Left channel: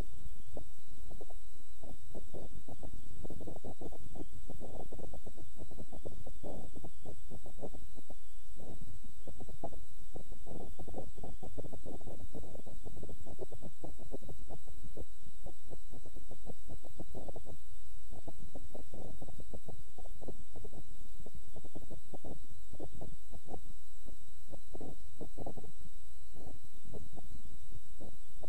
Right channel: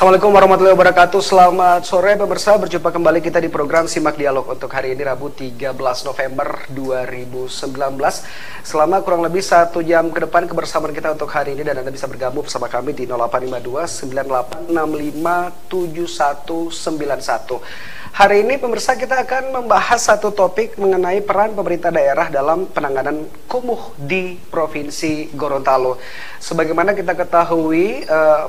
Assalamualaikum warahmatullahi wabarakatuh. Selamat sore pemirsa, berjumpa kembali kita di program Simak Dialog untuk hari ini Rabu 13 November 2019. Selama kurang lebih 1 jam ke depan kebersamaan kita untuk hari ini, dan Anda bisa bergabung bersama kami di 0852 9865 7191. Hari ini pemirsa kita akan membahas satu topik mengenai peran pemerintah daerah dalam penanganan kumuh di Provinsi Gorontalo. Sebagaimana kita ketahui,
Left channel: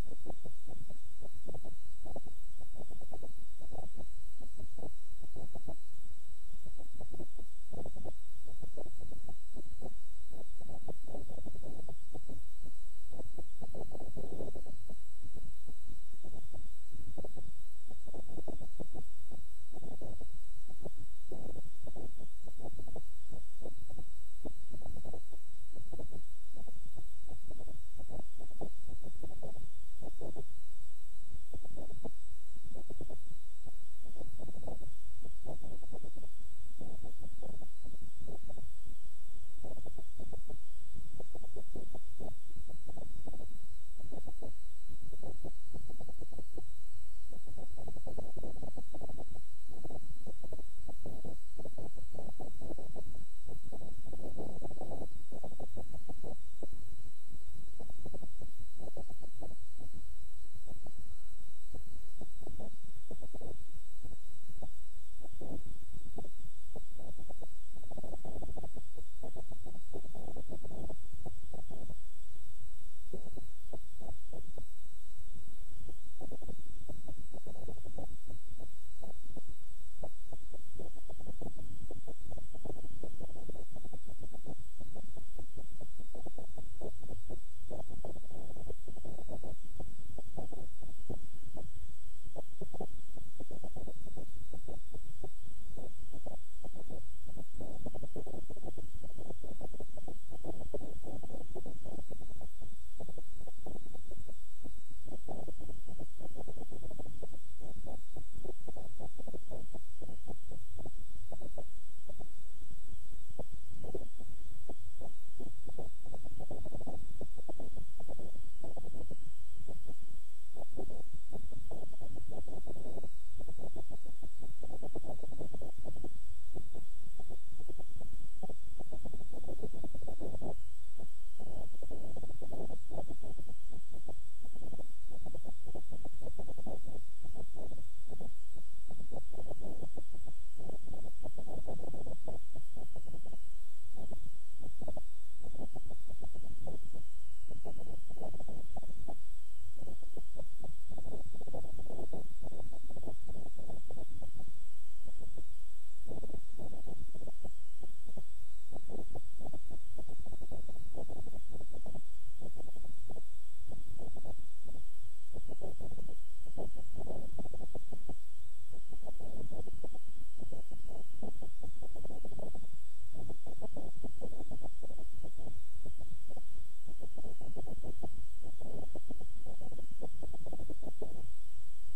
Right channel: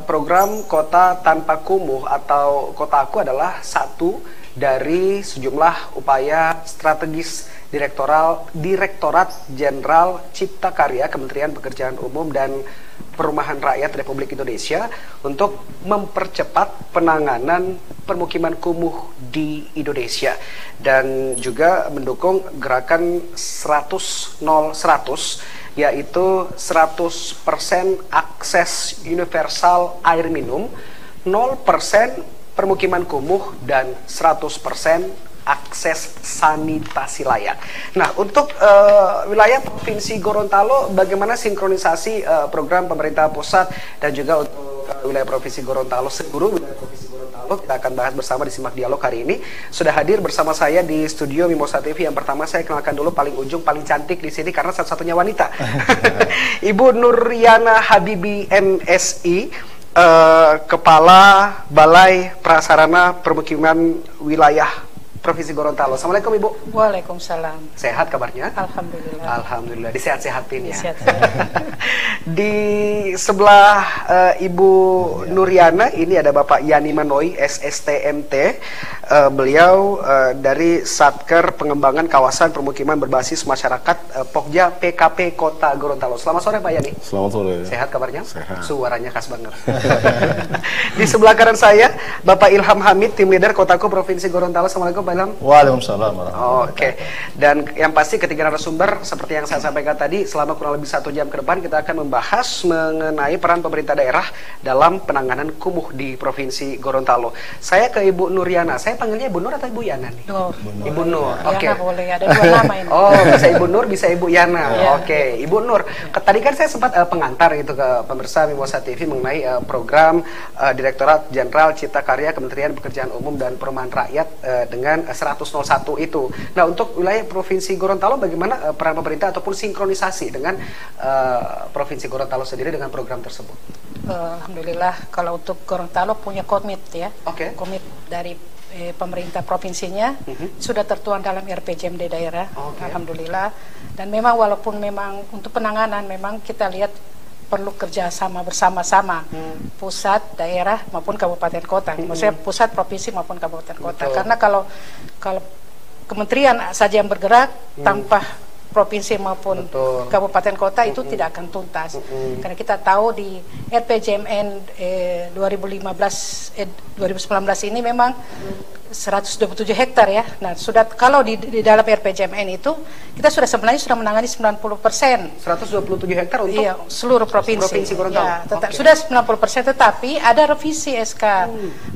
program Kota Tanpa Kumuh atau Kotaku adalah satu dari sejumlah upaya strategis Direktorat Jenderal Cipta Karya Kementerian Pekerjaan Umum dan Perumahan Rakyat Republik Indonesia untuk mempercepat penanganan permukiman kumuh di Indonesia, dan juga mendukung gerakan 100-0-100, yaitu 100% akses universal air minum, 0% permukiman kumuh, dan 100% akses sanitasi layak. Nah, untuk wilayah Provinsi Gorontalo, bagaimana sinkronisasi program pemerintah pusat dan juga untuk wilayah Provinsi Gorontalo, seluruh wilayah Provinsi Gorontalo, kita akan bahas bersama di Simak Dialog hari ini. Sudah hadir bersama saya di studio Mimosa TV. Yang pertama saya kenalkan dulu, paling ujung, paling cantik di sini karena satu-satunya wanita. Ibu Nuriana Habibi MSI, Kepala Balai Prasarana Permukiman Wilayah Provinsi Gorontalo. Assalamualaikum Ibu. Waalaikumsalam. Sehat kabarnya? Alhamdulillah. Alhamdulillah. Disehat-sehatin ya. Disehat-sehat. Di sebelah Ibu Nuriana ini ada Bapak Yani Manoi, SSTMT. Beliau dari Satker Pengembangan Kawasan Permukiman Berbasis Masyarakat Pokja PKP Kota Gorontalo. Selamat sore Pak Yani. Selamat sore. Sehat kabarnya? Sehat. Suaranya khas banget. Di sebelah kanan saya Bapak Ilham Hamid, Tim Leader Kotaku Provinsi Gorontalo. Assalamualaikum Pak Ilham. Waalaikumsalam warahmatullahi wabarakatuh. Oke. Dan yang pasti ketiga narasumber seperti yang saya sampaikan tadi, selama kurang lebih 1 jam ke depan kita akan membahas mengenai peran pemerintah daerah dalam penanganan kumuh di Provinsi Gorontalo. Saya ke Ibu Nuriana. Saya panggilnya Ibu Nur atau Ibu Yana nih? Nur. Ibu Nur. Oke. Yana boleh, ada 2 nama ini. Oh, bisa Ibu Nur, bisa Ibu Yana. Ya. Oke, Ibu Nur. Tadi kan saya sempat pengantar gitu ke pemirsa Mimosa TV mengenai program Direktorat Jenderal Cipta Karya Kementerian Pekerjaan Umum dan Perumahan Rakyat dengan 100-01 itu. Nah, untuk wilayah Provinsi Gorontalo bagaimana peran pemerintah ataupun sinkronisasi dengan Provinsi Gorontalo sendiri dengan program tersebut? Alhamdulillah, kalau untuk Gorontalo punya komit ya. Oke. Komit dari pemerintah provinsinya sudah tertuang dalam RPJMD daerah. Oke. Alhamdulillah. Dan memang walaupun memang untuk penanganan memang kita lihat perlu kerjasama bersama-sama pusat, daerah maupun kabupaten kota. Maksudnya pusat, provinsi maupun kabupaten kota. Betul. Karena kalau kementerian saja yang bergerak tanpa provinsi maupun Betul. kabupaten kota itu tidak akan tuntas. Karena kita tahu di RPJMN 2019 ini memang 127 hektar ya. Nah, sudah kalau di dalam RPJMN itu kita sebenarnya sudah menangani 90%. 127 hektar untuk seluruh provinsi. Provinsi Gorontalo. Ya, Oke. Sudah 90%, tetapi ada revisi SK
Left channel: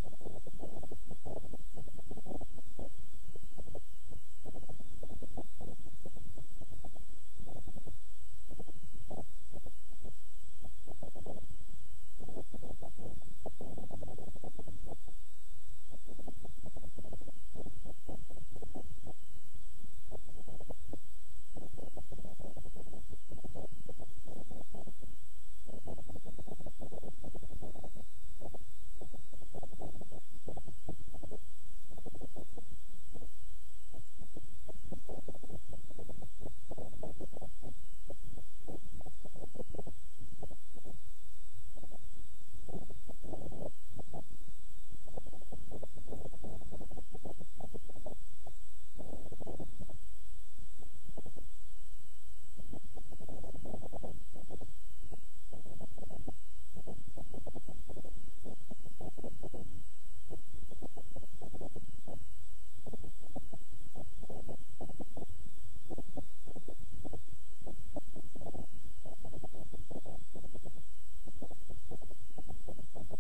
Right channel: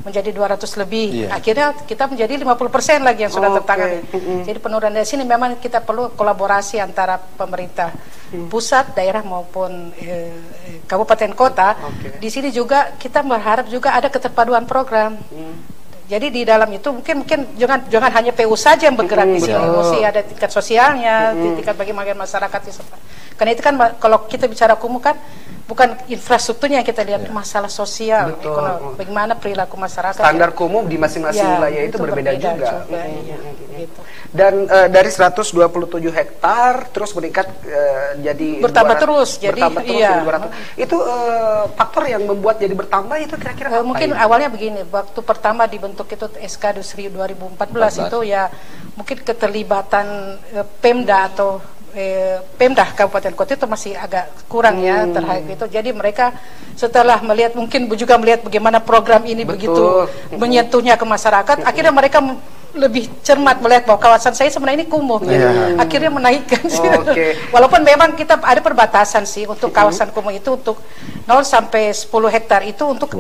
menjadi 200 lebih. Iya. Akhirnya kita menjadi 50% lagi yang sudah Oke. tertangani. Jadi penurunan dari sini memang kita perlu kolaborasi antara pemerintah pusat, daerah maupun kabupaten kota. Oke. Di sini juga kita berharap juga ada keterpaduan program. Jadi di dalam itu mungkin jangan hanya PU saja yang bergerak di sini, mesti ada tingkat sosialnya, tingkat bagaimana masyarakat. Karena itu kan kalau kita bicara kumuh kan bukan infrastrukturnya yang kita lihat, masalah sosial, Betul. ekonomi, bagaimana perilaku masyarakat. Standar kumuh di masing-masing wilayah itu berbeda juga. Iya, gitu. Dan dari 127 hektar terus meningkat jadi Bertambah 200, terus, jadi bertambah terus iya. jadi 200. Itu faktor yang membuat jadi bertambah itu kira-kira apa? Mungkin awalnya begini, waktu pertama dibentuk itu SK Dusri 2014 itu ya mungkin keterlibatan Pemda atau Pemda Kabupaten Kota itu masih agak kurang ya terhadap itu. Jadi mereka setelah melihat, mungkin juga melihat bagaimana program ini begitu menyentuhnya ke masyarakat, akhirnya mereka lebih cermat melihat bahwa kawasan saya sebenarnya ini kumuh. Akhirnya menaikkan. Walaupun memang kita ada perbatasan sih untuk kawasan kumuh itu, untuk 0 sampai 10 hektar itu untuk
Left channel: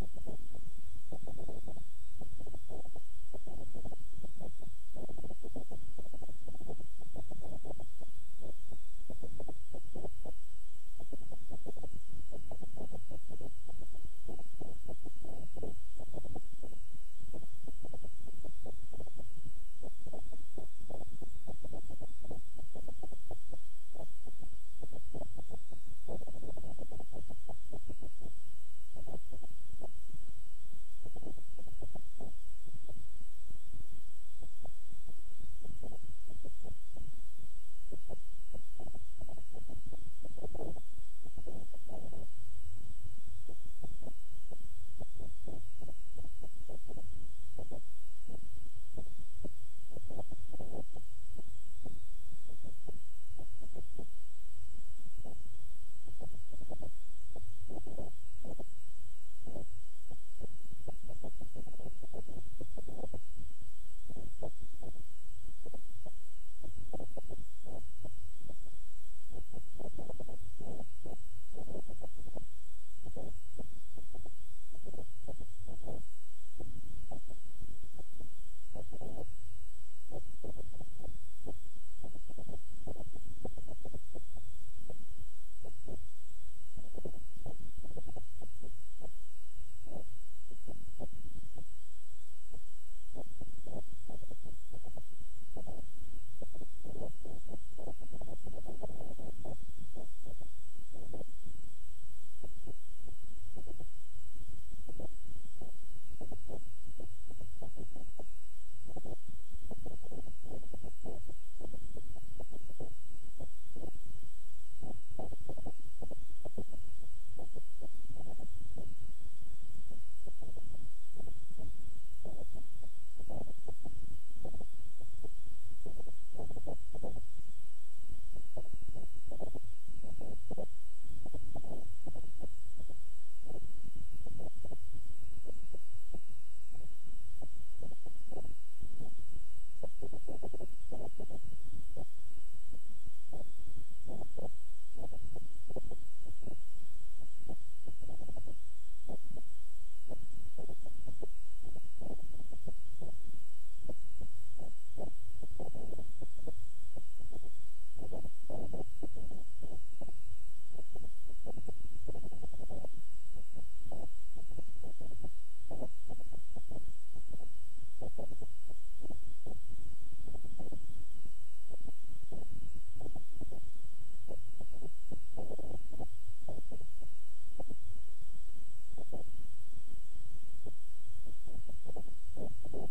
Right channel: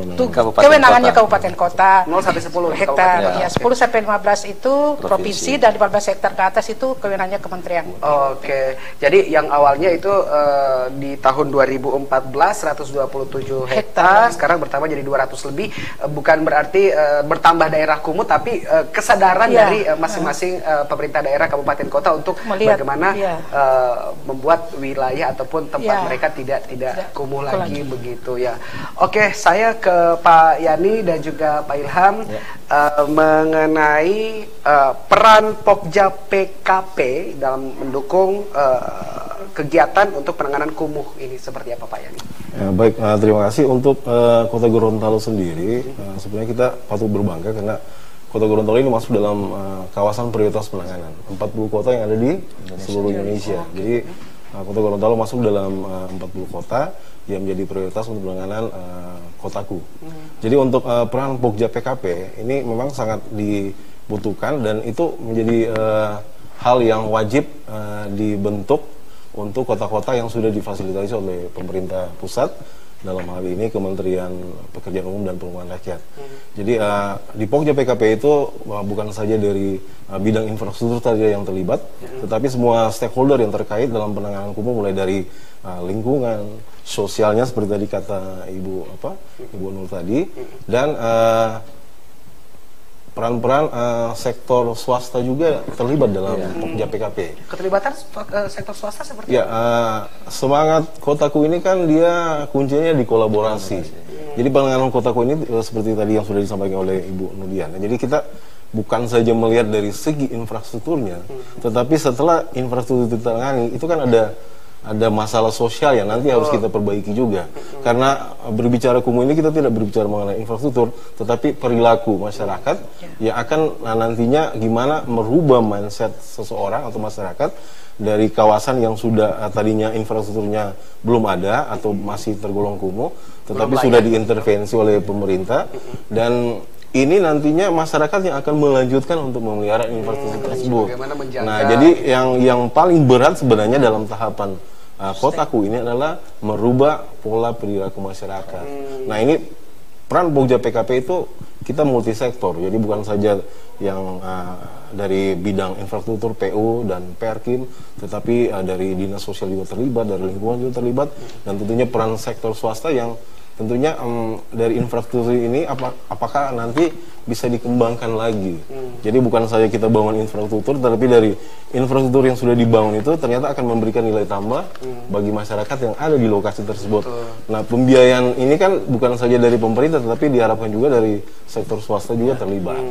kewenangannya kabupaten kota. 0 sampai 10 hektar. Ya, 10 sampai 15 itu provinsi, dan 15 hektar ke atas itu kewenangannya kementerian. Oke. Jadi yang awalnya itu di tahun 2014 127 hektar, sekarang bertambah jadi 200 lebih. Bukan berarti bertambah daerah kumuh, tapi kesadaran dari masing-masing pemerintah daerah kabupaten kota untuk melihat bagaimana membuat wilayah ataupun tempat mereka tidak kumuh lagi begitu ya. Oke, saya ke Pak Yani dan juga Pak Ilham mengenai peran Pokja PKP dalam mendukung kegiatan untuk penanganan kumuh ini seperti apa Pak Yani? Ya, baik, terima kasih. Untuk Kota Gorontalo sendiri, sebenarnya kita patut berbangga karena Kota Gorontalo ini masuk dalam kawasan prioritas penanganan 40 kota yang ada di seluruh Indonesia. Jadi Kota Gorontalo masuk dalam 40 kota yang menjadi prioritas untuk penanganan kotaku. Jadi untuk peran Pokja PKP ini memang sangat dibutuhkan dan itu menjadi hal yang wajib dibentuk untuk kota-kota yang sudah difasilitasi oleh pemerintah pusat, dalam hal ini Kementerian Pekerjaan Umum dan Perumahan Rakyat. Jadi di Pokja PKP itu bukan saja dari bidang infrastruktur saja yang terlibat, tetapi semua stakeholder yang terkait dalam penanganan kumuh, mulai dari lingkungan, sosialnya seperti tadi kata Ibu Nur tadi, dan peran-peran sektor swasta juga terlibat dalam Pokja PKP. Keterlibatan sektor swasta seperti apa? Semangat kotaku ini kan dia kuncinya di kolaborasi. Jadi penanganan kotaku ini seperti tadi yang sudah disampaikan oleh Ibu Nudian. Jadi kita bukan saja melihat dari segi infrastrukturnya, tetapi setelah infrastruktur ditangani itu kan ada masalah sosial yang nanti harus kita perbaiki juga. Karena berbicara kumuh ini kita tidak berbicara mengenai infrastruktur, tetapi perilaku masyarakat yang akan nantinya gimana merubah mindset seseorang atau masyarakat dari kawasan yang sudah tadinya infrastrukturnya belum ada atau masih tergolong kumuh, tetapi sudah diintervensi oleh pemerintah, dan ini nantinya masyarakat yang akan melanjutkan untuk memelihara infrastruktur tersebut. Nah, jadi yang paling berat sebenarnya dalam tahapan kotaku ini adalah merubah pola perilaku masyarakat. Nah, ini peran Pokja PKP itu kita multisektor, jadi bukan saja yang dari bidang infrastruktur PU dan Perkim, tetapi dari dinas sosial juga terlibat, dari lingkungan juga terlibat, dan tentunya peran sektor swasta yang tentunya dari infrastruktur ini apakah nanti bisa dikembangkan lagi. Jadi bukan saja kita bangun infrastruktur, tetapi dari infrastruktur yang sudah dibangun itu ternyata akan memberikan nilai tambah bagi masyarakat yang ada di lokasi tersebut. Nah, pembiayaan ini kan bukan saja dari pemerintah, tetapi diharapkan juga dari sektor swasta juga terlibat.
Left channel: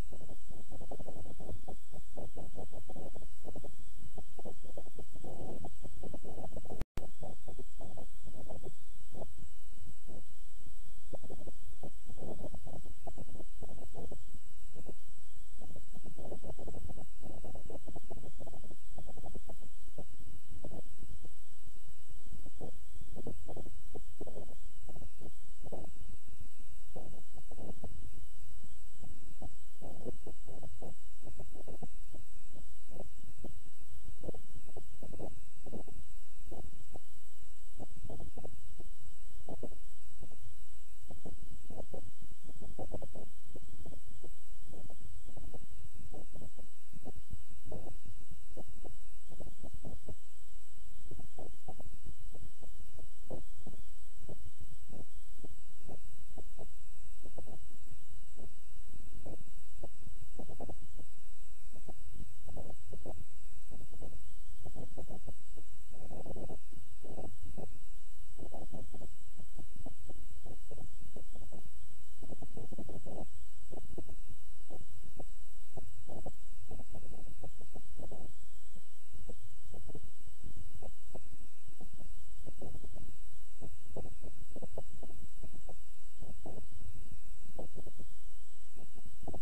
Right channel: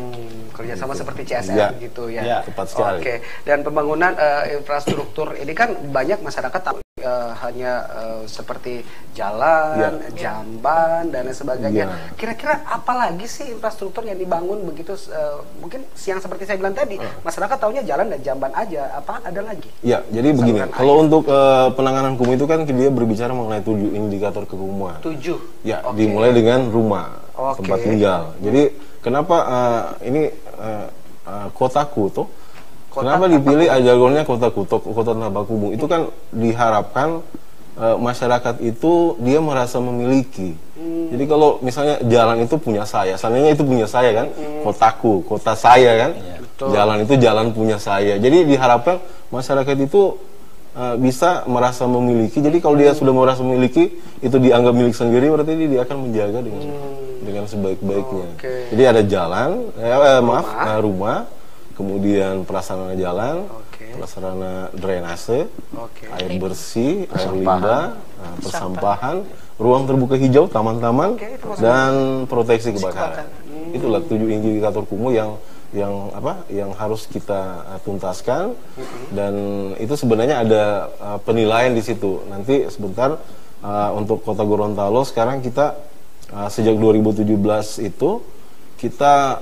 Kerjasama seperti CSR gitu ya. Tepat sekali. Oke. Dan pembangunan infrastruktur ini kan banyak masyarakat tahu hanya seperti jalan, jamban dan sebagainya. Kira-kira apa lagi sih infrastruktur yang dibangun begitu? Mungkin yang seperti saya bilang tadi, masyarakat taunya jalan dan jamban aja. Apa ada lagi? Ya, jadi begini. Kalau untuk penanganan kumuh itu kan dia berbicara mengenai 7 indikator kekumuhan. 7. Ya, dimulai dengan rumah, tempat tinggal. Jadi kenapa ini kotaku tuh? Kenapa dipilih jargonnya kotaku, kota tanpa kumuh? Itu kan diharapkan masyarakat itu dia merasa memiliki. Jadi kalau misalnya jalan itu punya saya, seandainya itu punya saya kan, kotaku, kota saya kan, jalan itu jalan punya saya. Jadi diharapkan masyarakat itu bisa merasa memiliki. Jadi kalau dia sudah merasa memiliki, itu dianggap milik sendiri, berarti dia akan menjaga dengan sebaik-baiknya. Jadi ada jalan, rumah, kemudian prasarana jalan, prasarana drainase, air bersih, air limbah, persampahan, ruang terbuka hijau, taman-taman, dan proteksi kebakaran. Itulah 7 indikator kumuh yang harus kita tuntaskan, dan itu sebenarnya ada penilaian di situ. Nanti sebentar untuk Kota Gorontalo sekarang kita sejak 2017 itu kita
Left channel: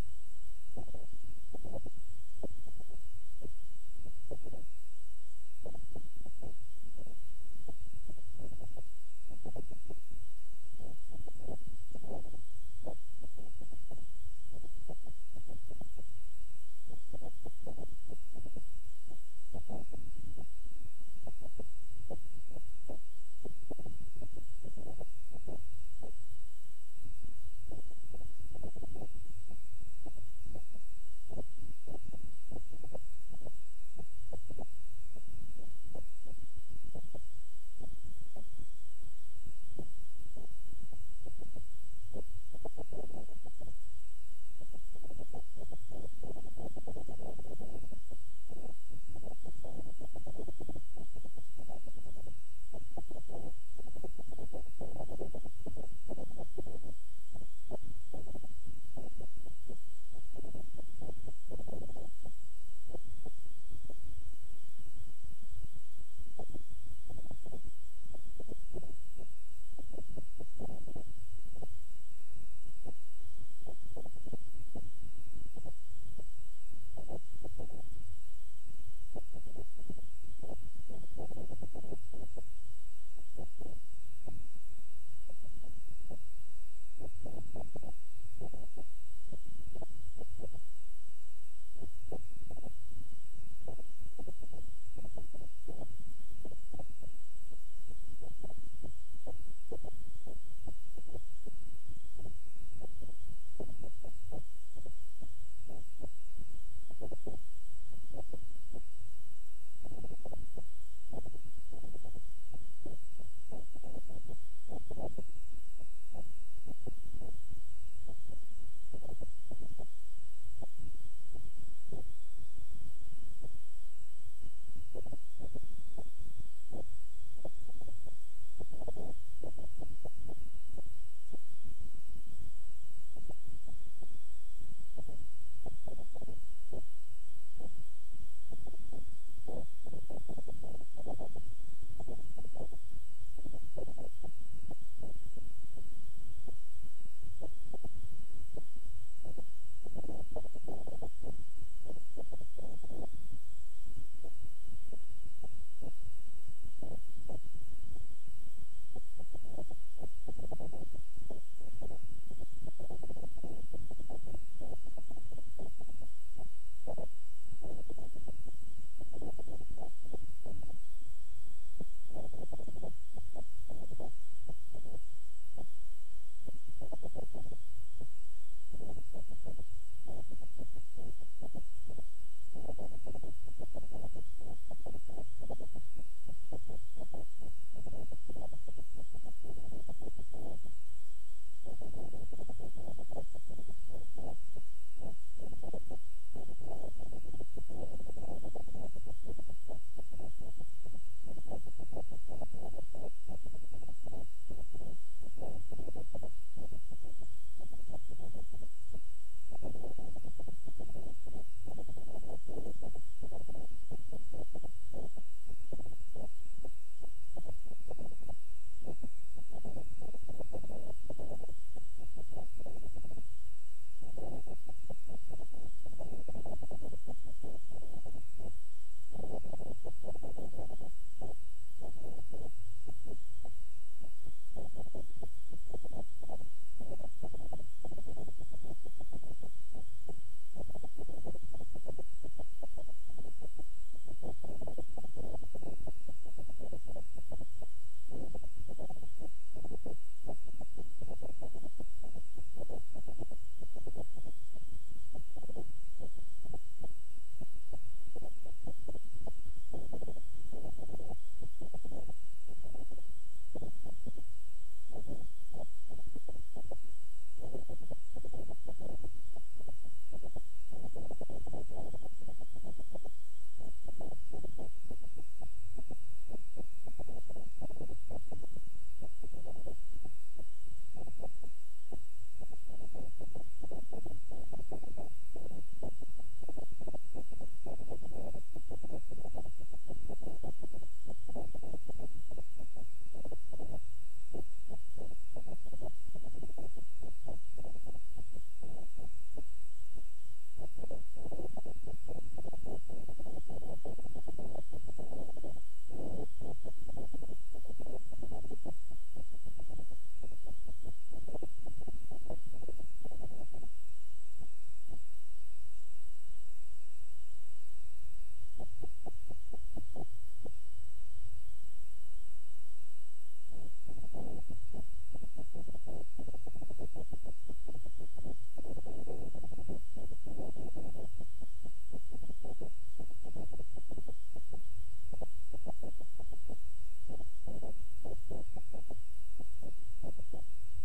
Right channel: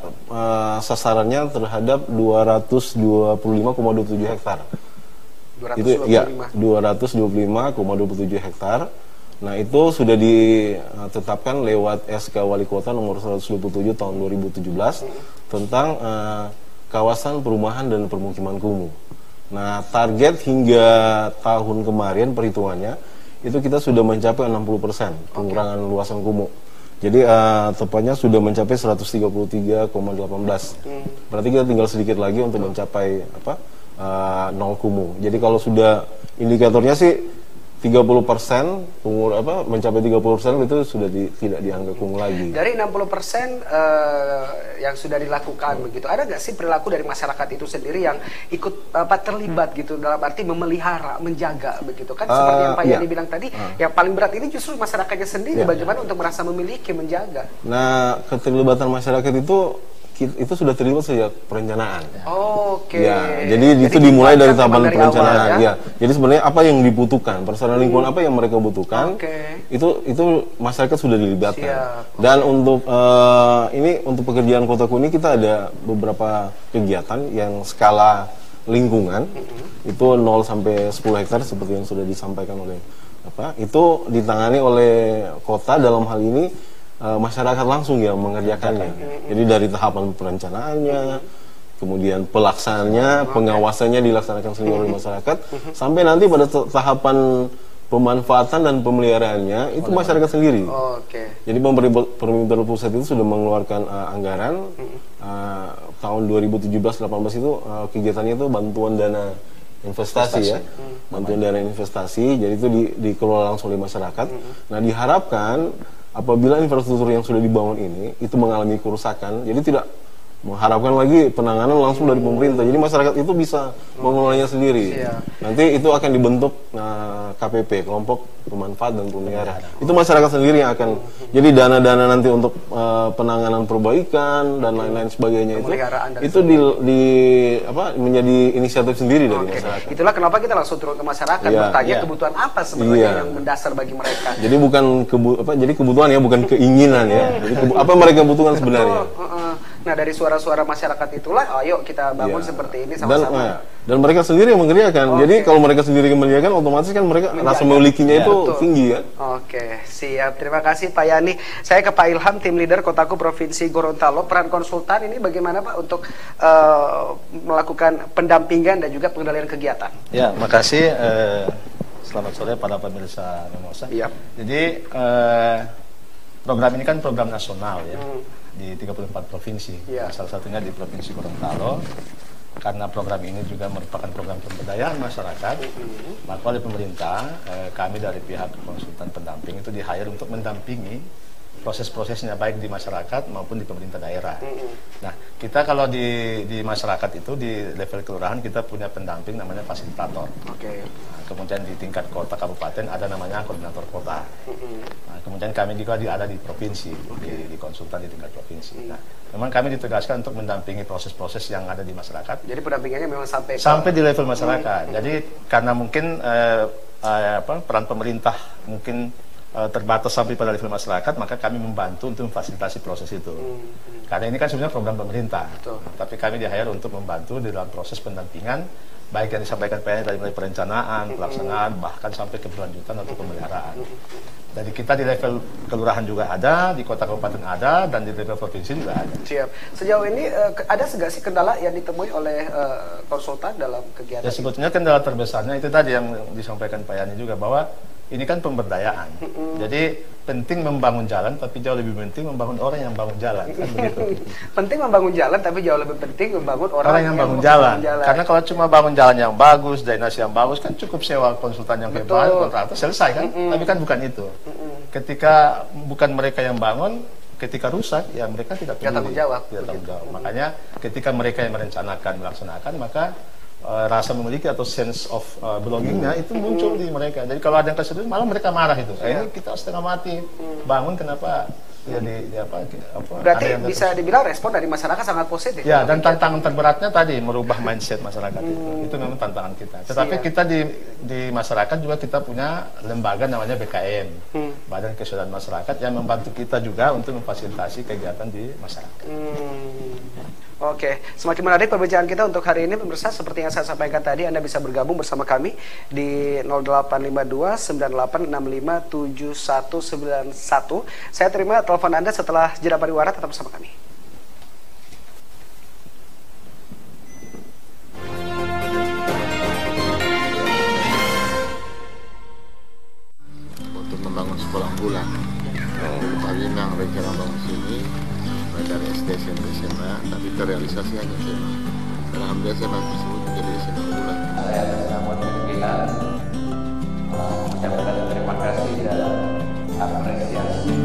sasarannya terhadap 225,27 hektar. Itu ya 225,27 hektar. Nah, itu sudah ditetapkan lewat SK Wali Kota nomor 127 tahun 2017 tentang kawasan perumahan dan permukiman kumuh. Nah, target hingga tahun kemarin perhitungannya itu kita sudah mencapai 60% pengurangan luasan kumuh. Jadi tepatnya sudah mencapai 133,18. Berarti kita tinggal sedikit lagi untuk mencapai nol kumuh. Jadi kalau sudah indikatornya sih 30% mencapai 30% itu sudah tidak dianggap kumuh lagi. Dari 60% yang sudah dilakukan begitu, ada nggak sih perilaku dari masyarakat itu sendiri yang ikut terlibat gitu dalam arti memelihara, menjaga begitu kan? Seperti yang Pak Yani bilang tadi, yang paling berat ini justru masyarakatnya sendiri. Bagaimana untuk merasa memiliki, menjaga? Nah, keterlibatan masyarakat itu sudah terlibat sejak perencanaan. Oke. Ya, jadi itu dimulai dari tahapan perencanaan. Awal, ya. Jadi sebenarnya apa yang dibutuhkan, persoalan lingkungan apa yang mereka butuhkan, itu masyarakat sudah dilibatkan. Siap. Dan untuk untuk pekerjaan Kotaku ini kita ada beberapa kegiatan yang skala lingkungan itu 0 sampai 10 hektar seperti yang sudah disampaikan oleh itu ditangani oleh kota dalam hal ini. Masyarakat langsung yang mengerjakannya. Jadi dari tahapan perencanaannya, kemudian pelaksanaannya, pengawasannya dilaksanakan sendiri oleh masyarakat, sampai nanti pada tahapan pemanfaatan dan pemeliharaannya itu masyarakat sendiri. Jadi pemerintah pusat itu sudah mengeluarkan anggaran tahun 2017-18 itu kegiatannya itu bantuan dana investasi ya, bantuan dana investasi. Jadi itu dikelola langsung oleh masyarakat. Nah diharapkan apabila infrastruktur yang sudah dibangun ini itu mengalami kerusakan, jadi tidak mengharapkan lagi penanganan langsung dari pemerintah. Jadi masyarakat itu bisa mengelolanya sendiri. Nanti itu akan dibentuk KPP, kelompok pemanfaat dan pemelihara. Itu masyarakat sendiri yang akan. Jadi dana-dana nanti untuk penanganan perbaikan dan lain-lain sebagainya itu menjadi inisiatif sendiri dari masyarakat. Itulah kenapa kita langsung turun ke masyarakat bertanya kebutuhan apa sebenarnya yang mendasar bagi mereka. Jadi bukan jadi kebutuhan ya, bukan keinginan ya. Jadi apa yang mereka butuhkan sebenarnya. Nah dari suara-suara masyarakat itulah, ayo kita bangun seperti ini sama-sama. Dan mereka sendiri yang mengerjakan. Jadi kalau mereka sendiri yang mengerjakan, otomatis kan mereka rasa memilikinya itu tinggi kan. Oke, siap. Terima kasih Pak Yani. Saya ke Pak Ilham, tim leader Kotaku Provinsi Gorontalo. Peran konsultan ini bagaimana Pak untuk melakukan pendampingan dan juga pengendalian kegiatan? Ya, makasih. Selamat sore para pemirsa Memosa. Jadi program ini kan program nasional ya. Di 34 provinsi, salah satunya di Provinsi Gorontalo. Karena program ini juga merupakan program pemberdayaan masyarakat, maka oleh pemerintah, kami dari pihak konsultan pendamping itu di-hire untuk mendampingi proses-prosesnya baik di masyarakat maupun di pemerintah daerah. Nah, kita kalau di masyarakat itu di level kelurahan kita punya pendamping namanya fasilitator. Nah, kemudian di tingkat kota kabupaten ada namanya koordinator kota. Nah, kemudian kami juga ada di provinsi, di konsultan di tingkat provinsi. Nah, memang kami ditugaskan untuk mendampingi proses-proses yang ada di masyarakat. Jadi pendampingannya memang sampai di level masyarakat. Jadi karena mungkin peran pemerintah mungkin terbatas sampai pada level masyarakat, maka kami membantu untuk memfasilitasi proses itu. Karena ini kan sebenarnya program pemerintah, tapi kami di-hire untuk membantu di dalam proses pendampingan, baik yang disampaikan PNI dari mulai perencanaan, pelaksanaan, bahkan sampai keberlanjutan atau pemeliharaan. Jadi kita di level kelurahan juga ada, di kota kabupaten ada, dan di level provinsi juga ada. Siap. Sejauh ini ada nggak sih kendala yang ditemui oleh konsultan dalam kegiatan? Ya sebetulnya kendala terbesarnya itu tadi yang disampaikan Pak Yani juga, bahwa ini kan pemberdayaan. Jadi penting membangun jalan, tapi jauh lebih penting membangun orang yang bangun jalan. Kan begitu. Penting membangun jalan, tapi jauh lebih penting membangun orang yang bangun jalan. Karena kalau cuma bangun jalan yang bagus, drainase yang bagus, kan cukup sewa konsultan yang hebat, kontraktor, selesai kan? Tapi kan bukan itu. Ketika bukan mereka yang bangun, ketika rusak, ya mereka tidak tanggung jawab. Makanya ketika mereka yang merencanakan, melaksanakan, maka rasa memiliki atau sense of belongingnya itu muncul di mereka. Jadi kalau ada yang kesulitan, malah mereka marah itu. Ini kita setengah mati bangun, kenapa berarti bisa dibilang respon dari masyarakat sangat positif. Ya, dan tantangan terberatnya tadi merubah mindset masyarakat itu memang tantangan kita. Tetapi kita di masyarakat juga kita punya lembaga namanya BKM, Badan Kesejahteraan Masyarakat, yang membantu kita juga untuk memfasilitasi kegiatan di masyarakat. Oke, semakin menarik perbincangan kita untuk hari ini pemirsa. Seperti yang saya sampaikan tadi, Anda bisa bergabung bersama kami di 0852 9865 7191. Saya terima telepon Anda setelah jeda pariwara, tetap bersama kami. Untuk membangun sekolah unggulan, kami memang rencana bangun sini dari SD, SMP, SMA, tapi terrealisasi hanya SMA. Alhamdulillah SMA tersebut menjadi SMA unggulan. Saya atas nama pimpinan menyampaikan terima kasih dan apresiasi.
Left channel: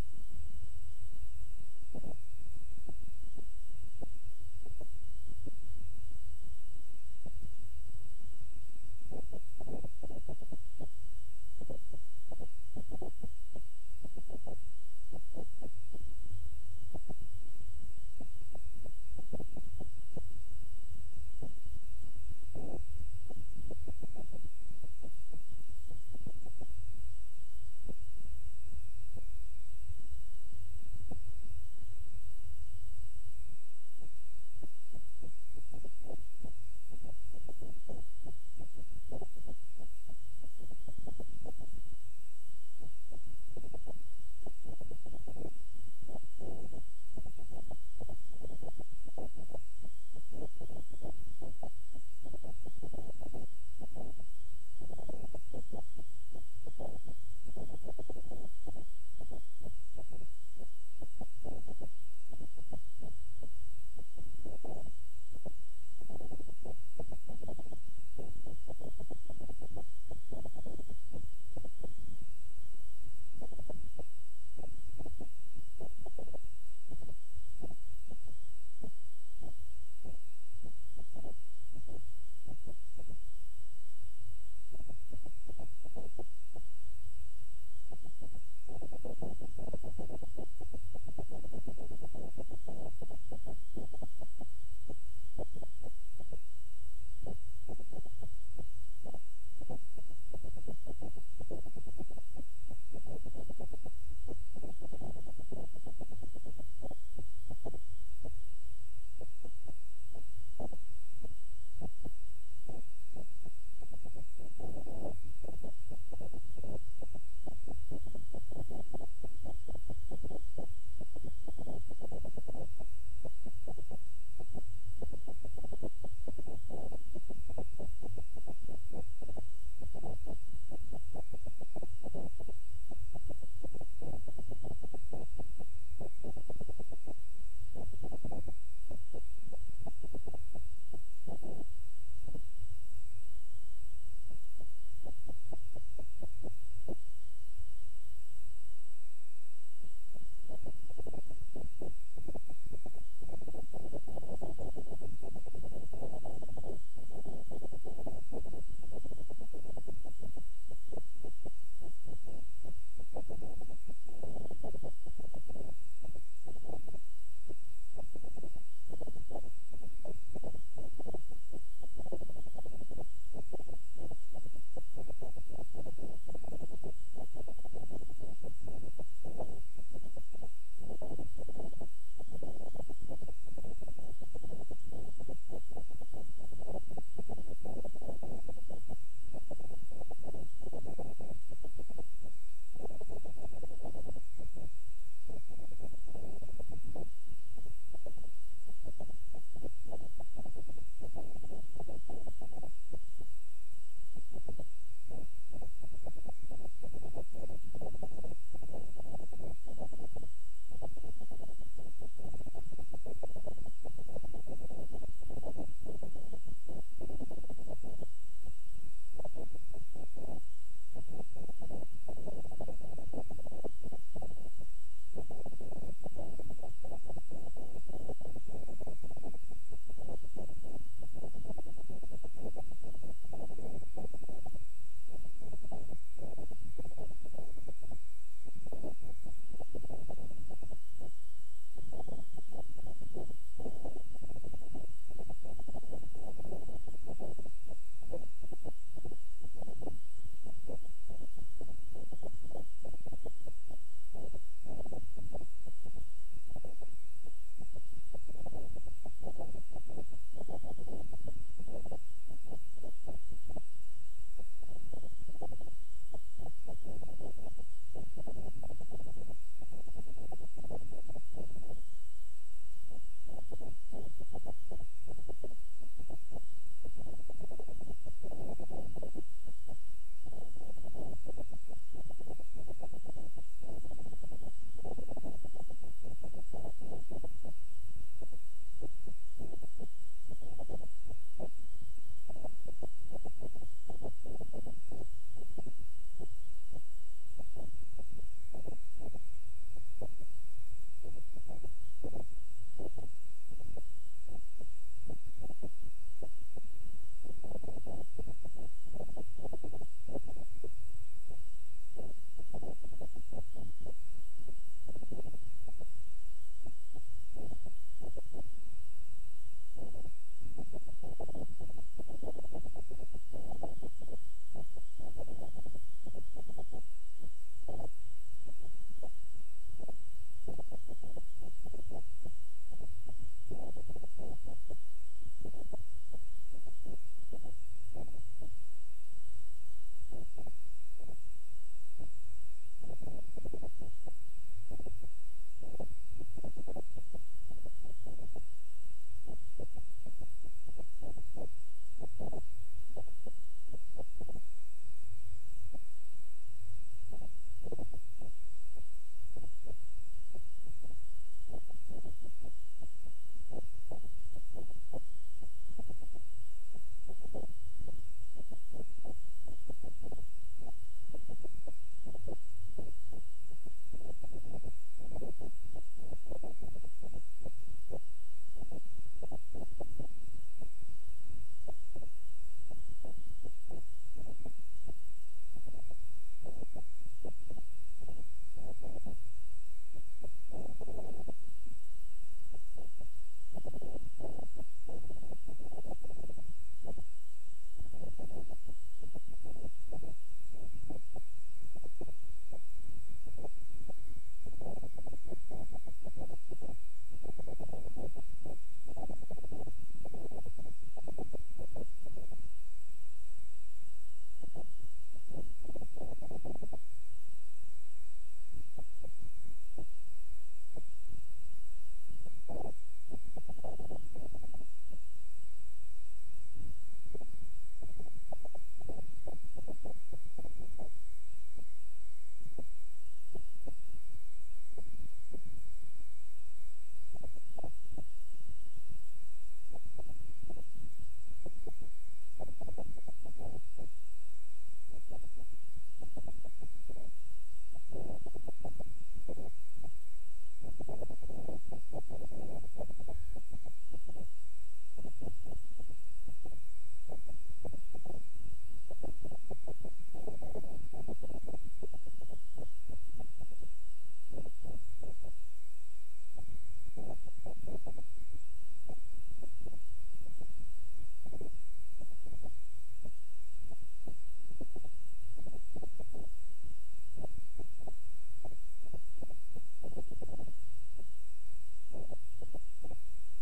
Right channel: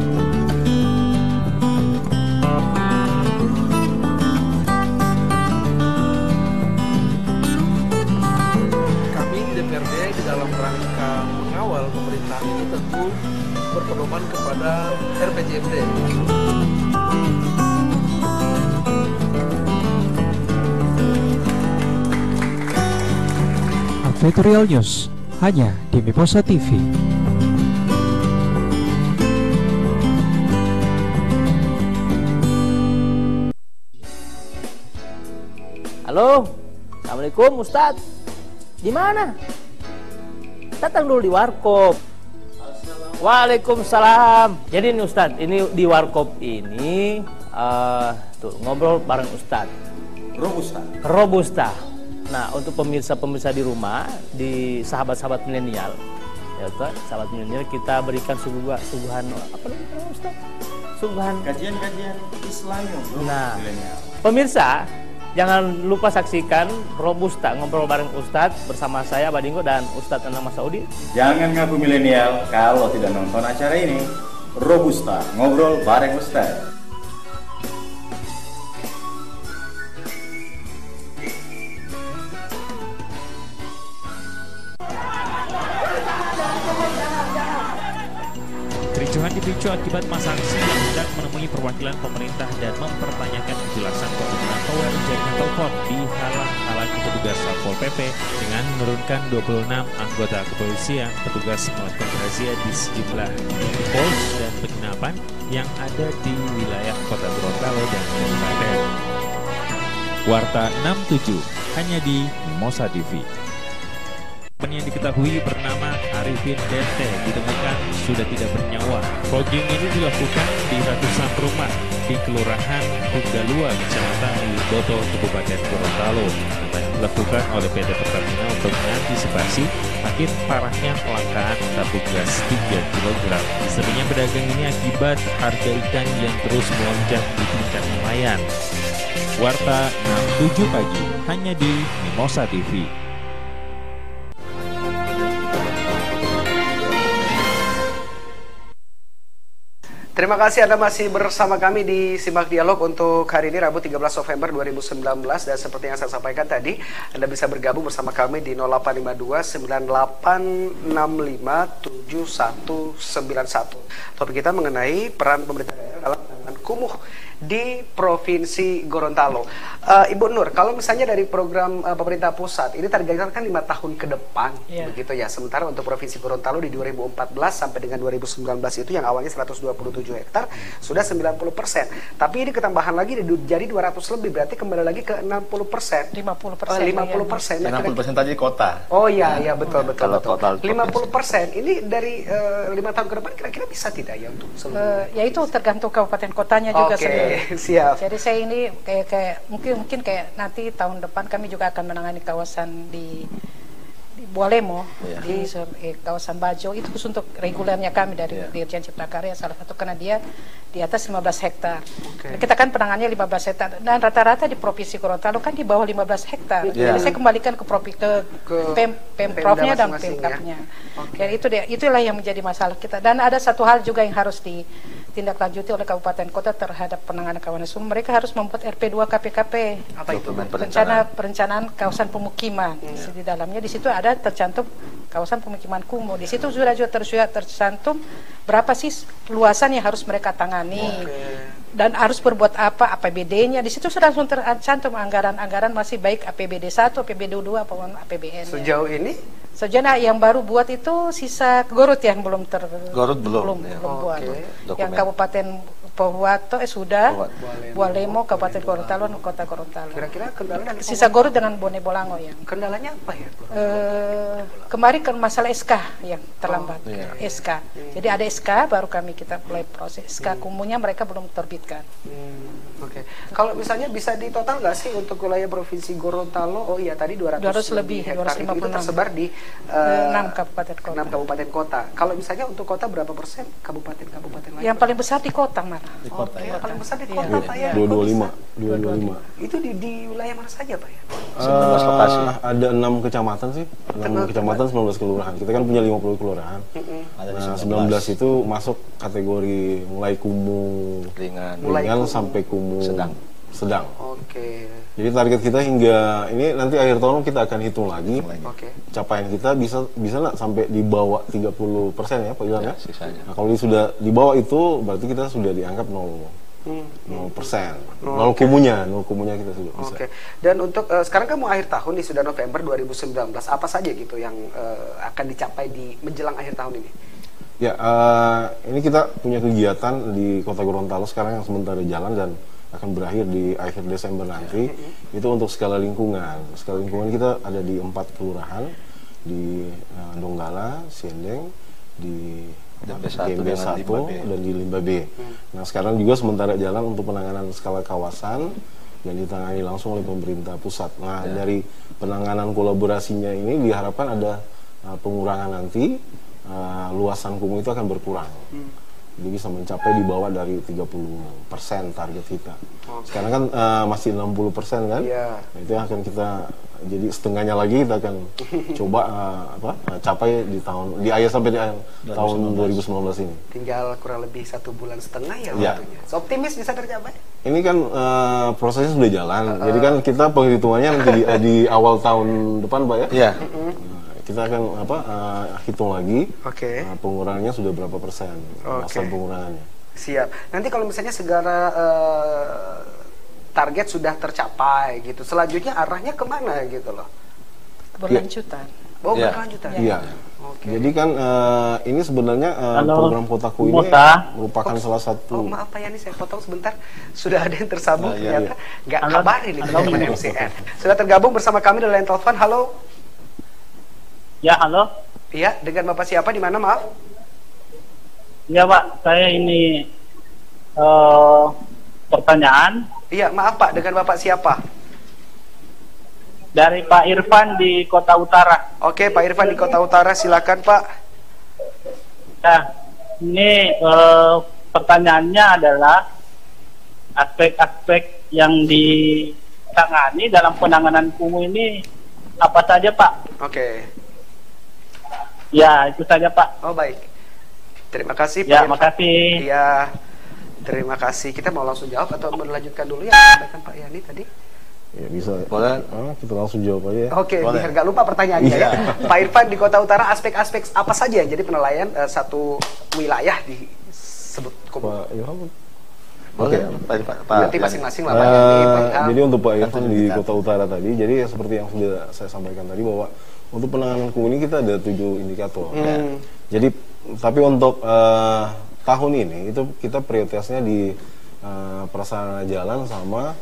Kami DPRD di dalam rangka mengawal pemerintahan ini tentu berpedoman kepada RPJMD. Advertorial News hanya di Mimosa TV. Halo, Assalamualaikum Ustadz. Di mana? Datang dulu di Warkop. Waalaikumsalam. Jadi nih Ustadz, ini di Warkop ini tuh ngobrol bareng Ustadz. Robusta. Nah, untuk pemirsa-pemirsa di rumah, di sahabat-sahabat milenial, ya Ustaz, sahabat milenial kita berikan suguhan apa namanya Ustaz? Suguhan Kajian-kajian Islami. Nah, pemirsa jangan lupa saksikan Robusta ngobrol bareng Ustadz bersama saya Badingo dan Ustadz Anang Masaudi. Jangan ngaku milenial kalau tidak nonton acara ini. Robusta ngobrol bareng Ustadz. Kericuhan dipicu akibat masa aksi yang hendak menemui perwakilan pemerintah dan mempertanyakan kejelasan penggunaan tower jaringan telepon dihalang-halangi petugas Satpol PP dengan menurunkan 26 anggota kepolisian. Petugas melakukan razia di sejumlah titik pos dan penginapan yang ada di wilayah Kota Gorontalo dan Kabupaten. Warta 67 hanya di Mimosa TV. Yang diketahui bernama Arifin Dente ditemukan sudah tidak bernyawa. Fogging ini dilakukan di ratusan rumah di Kelurahan Tunggalua, Kecamatan Wiboto, Kabupaten Gorontalo. Yang dilakukan oleh PT Pertamina untuk mengantisipasi makin parahnya kelangkaan tabung gas 3 kg. Seringnya pedagang ini akibat harga ikan yang terus melonjak di tingkat nelayan. Warta 67 pagi hanya di Mimosa TV. Terima kasih Anda masih bersama kami di Simak Dialog untuk hari ini Rabu 13 November 2019, dan seperti yang saya sampaikan tadi, Anda bisa bergabung bersama kami di 0852 9865 7191. Topik kita mengenai peran pemerintah daerah dalam penanganan kumuh di Provinsi Gorontalo. Ibu Nur, kalau misalnya dari program pemerintah pusat ini targetkan kan 5 tahun ke depan, begitu ya. Sementara untuk Provinsi Gorontalo di 2014 sampai dengan 2019 itu yang awalnya 127 hektar sudah 90%. Tapi ini ketambahan lagi jadi 200 lebih, berarti kembali lagi ke 60%. 50%. 50%. 60% tadi kota. Oh iya, iya betul. Kalau total 50%. Ini dari 5 tahun ke depan kira-kira bisa tidak ya untuk seluruh? Ya itu tergantung kabupaten kotanya juga sebenarnya. Siap. Jadi saya ini kayak mungkin kayak nanti tahun depan kami juga akan menangani kawasan di Bualemo, di kawasan Bajo, itu khusus untuk regulernya kami dari Dirjen Cipta Karya, salah satu karena dia di atas 15 hektar. Kita kan penangannya 15 hektar dan rata-rata di Provinsi Gorontalo kan di bawah 15 hektar. Jadi saya kembalikan ke Pemprofnya dan Pemkapnya. Jadi itulah yang menjadi masalah kita. Dan ada satu hal juga yang harus ditindaklanjuti oleh kabupaten kota terhadap penanganan kawasan sumber. Mereka harus membuat RP2 KPKP. Apa itu? Perencanaan kawasan pemukiman. Di dalamnya di situ ada tercantum kawasan pemukiman kumuh. Di situ sudah tercantum berapa sih luasan yang harus mereka tangani. Dan harus berbuat apa, APBD-nya. Di situ sudah langsung tercantum anggaran-anggaran masih baik APBD 1, APBD 2, apapun APBN. Sejauh ini? Sejauh yang baru buat itu sisa Garut yang belum belum buat. Yang Kabupaten Pohuwato sudah, Bualemo, Kabupaten Gorontalo, Kota Gorontalo. Kira-kira kendala sisa Garut dengan Bone Bolango ya. Kendalanya apa ya? Kemarin kan masalah SK yang terlambat. SK. Jadi ada SK baru kita mulai proses. SK kumuhnya mereka belum terbitkan. Oke. Kalau misalnya bisa ditotal nggak sih untuk wilayah Provinsi Gorontalo? Oh iya tadi 200 lebih hektar itu tersebar di 6 kabupaten kota. 6 kabupaten kota. Kalau misalnya untuk kota berapa persen kabupaten lain? Yang paling besar di kota, Mar. Di kota ya. Paling besar di kota Pak ya. 225. Itu di wilayah mana saja Pak ya? 19 lokasi. Ada 6 kecamatan sih, 6 kecamatan 19 kelurahan. Kita kan punya 50 kelurahan. Nah, 19 itu masuk kategori mulai kumuh ringan sampai kumuh sedang. Oke. Jadi target kita hingga ini nanti akhir tahun kita akan hitung lagi. Capaian kita bisa nggak sampai di bawah 30% ya Pak Ilham ya? Nah, kalau sudah di bawah itu berarti kita sudah dianggap 0%. Nol kumuhnya kita sudah bisa. Oke. Dan untuk sekarang kan mau akhir tahun nih, sudah November 2019. Apa saja gitu yang akan dicapai di menjelang akhir tahun ini? Ya, ini kita punya kegiatan di Kota Gorontalo sekarang yang sementara jalan dan akan berakhir di akhir Desember nanti. Itu untuk skala lingkungan. Skala lingkungan kita ada di 4 kelurahan, di Donggala, Siendeng, di DB1 dan di Limba B. Nah, sekarang juga sementara jalan untuk penanganan skala kawasan yang ditangani langsung oleh pemerintah pusat. Nah, dari penanganan kolaborasinya ini diharapkan ada pengurangan nanti, luasan kumuh itu akan berkurang. Jadi bisa mencapai di bawah dari 30% target kita. Sekarang kan masih 60% kan? Nah, itu yang akan kita, jadi setengahnya lagi kita akan coba capai di akhir sampai di tahun 2019 ini. Tinggal kurang lebih 1 bulan setengah ya waktunya. So, optimis bisa tercapai? Ini kan prosesnya sudah jalan. Jadi kan kita penghitungannya nanti di awal tahun depan Pak ya? Iya. Kita akan hitung lagi pengurangannya sudah berapa persen, masa pengurangannya. Siap. Nanti kalau misalnya segala target sudah tercapai gitu, selanjutnya arahnya kemana gitu loh? Berlanjutan. Berlanjutan. Iya. Jadi kan ini sebenarnya program Kotaku ini merupakan salah satu. Maaf Pak Yani, saya potong sebentar. Sudah ada yang tersambung ternyata. Nggak kabarin ini teman-teman MCR. Sudah tergabung bersama kami di line telepon. Halo. Ya, halo. Iya, dengan Bapak siapa di mana, maaf? Ya, Pak, saya ini pertanyaan. Iya, maaf Pak, dengan Bapak siapa? Dari Pak Irfan di Kota Utara. Oke, Pak Irfan di Kota Utara, silakan Pak. Nah, ini pertanyaannya adalah aspek-aspek yang ditangani dalam penanganan kumuh ini apa saja, Pak? Oke. Ya, itu saja Pak. Oh, baik. Terima kasih Pak. Ya, makasih. Ya, terima kasih. Kita mau langsung jawab atau melanjutkan dulu yang disampaikan Pak Yani tadi? Ya, bisa. Boleh. Kita langsung jawab aja ya. Oke, biar nggak lupa pertanyaannya ya. Pak Irfan di Kota Utara, aspek-aspek apa saja yang jadi penilaian satu wilayah disebut kumuh? Pak Ilham. Oke, nanti masing-masing lah Pak Yani, Pak Ilham. Jadi untuk Pak Irfan di Kota Utara tadi, jadi seperti yang sudah saya sampaikan tadi bahwa untuk penanganan kumuh ini kita ada 7 indikator. Jadi tapi untuk tahun ini itu kita prioritasnya di prasarana jalan sama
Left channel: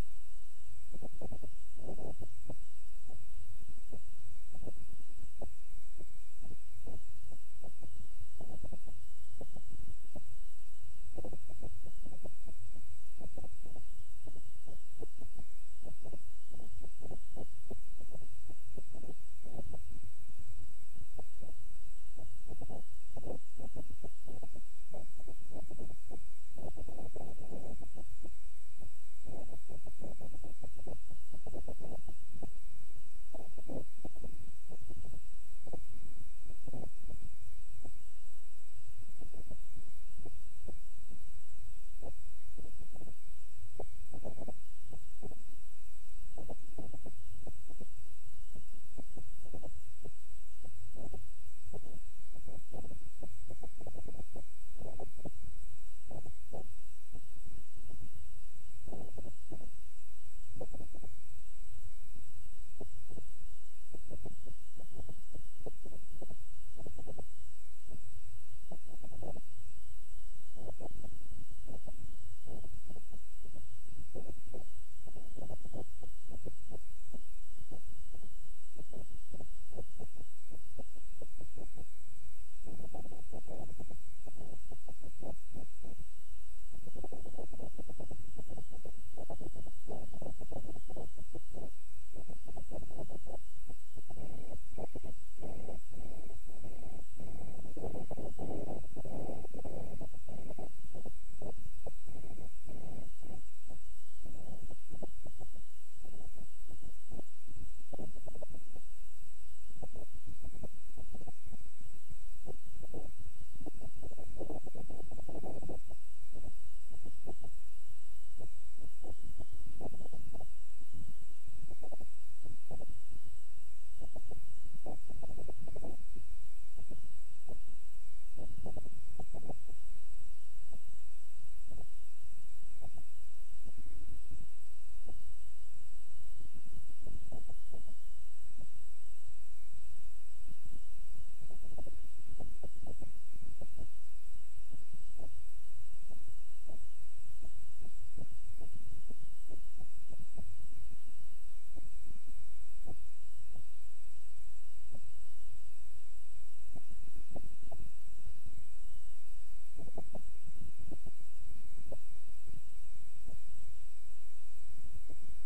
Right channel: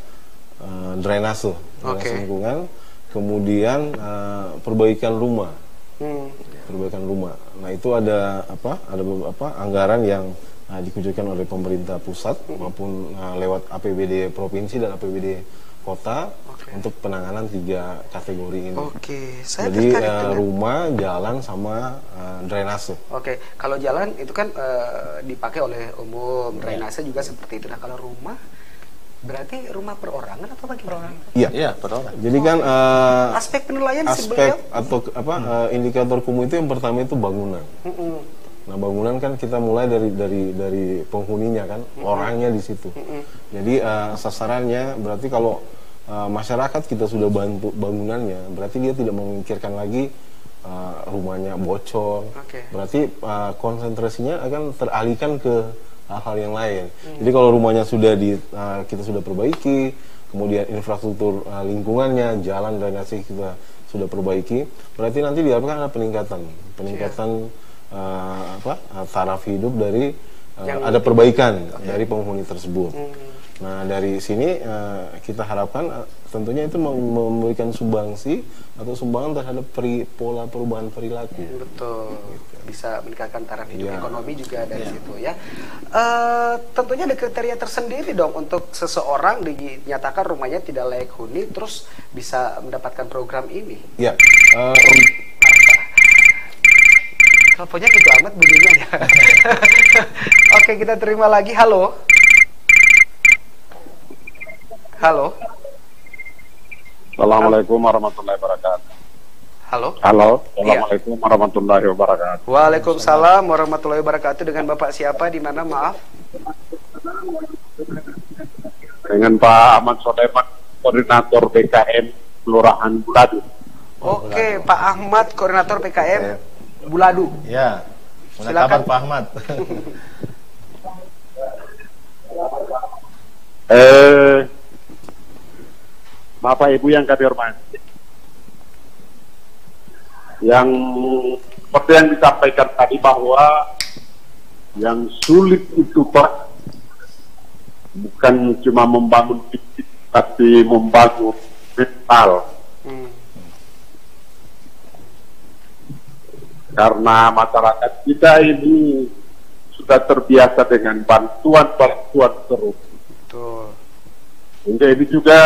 drainase lingkungan, kemudian perbaikan rumah. Perbaikan rumah. Nah, itu ada beberapa anggaran yang dikucurkan oleh pemerintah pusat maupun lewat APBD provinsi dan APBD kota untuk penanganan 3 kategori ini. Jadi rumah, jalan, sama drainase. Kalau jalan itu kan dipakai oleh umum, drainase juga seperti itu. Nah, kalau rumah berarti rumah perorangan atau bagi perorangan? Iya, perorangan. Jadi kan aspek penilaian indikator kumuh itu yang pertama itu bangunan. Nah, bangunan kan kita mulai dari penghuninya kan, orangnya di situ. Jadi sasarannya berarti kalau masyarakat kita sudah bantu bangunannya, berarti dia tidak memikirkan lagi rumahnya bocor. Berarti konsentrasinya akan teralihkan ke hal-hal yang lain. Jadi kalau rumahnya sudah kita sudah perbaiki, kemudian infrastruktur lingkungannya, jalan drainase kita sudah perbaiki, berarti nanti diharapkan ada peningkatan taraf hidup dari ada perbaikan dari penghuni tersebut. Nah, dari sini kita harapkan tentunya itu memberikan sumbangsi atau sumbangan terhadap pola perubahan perilaku. Betul. Bisa meningkatkan taraf hidup ekonomi juga dari situ ya. Tentunya ada kriteria tersendiri dong untuk seseorang dinyatakan rumahnya tidak layak huni terus bisa mendapatkan program ini. Ya. Teleponnya gitu amat bunyinya ya. Oke, kita terima lagi. Halo. Halo. Assalamualaikum warahmatullahi wabarakatuh. Halo. Halo. Assalamualaikum warahmatullahi wabarakatuh. Waalaikumsalam warahmatullahi wabarakatuh. Dengan Bapak siapa? Di mana? Maaf. Dengan Pak Ahmad Soleman, Koordinator PKM Kelurahan Buladu. Oke, Pak Ahmad, Koordinator PKM Buladu. Ya. Silakan Pak Ahmad. Bapak Ibu yang kami hormati, yang seperti yang disampaikan tadi bahwa yang sulit itu Pak bukan cuma membangun fisik tapi membangun mental. Karena masyarakat kita ini sudah terbiasa dengan bantuan-bantuan terus. Betul. Hingga ini juga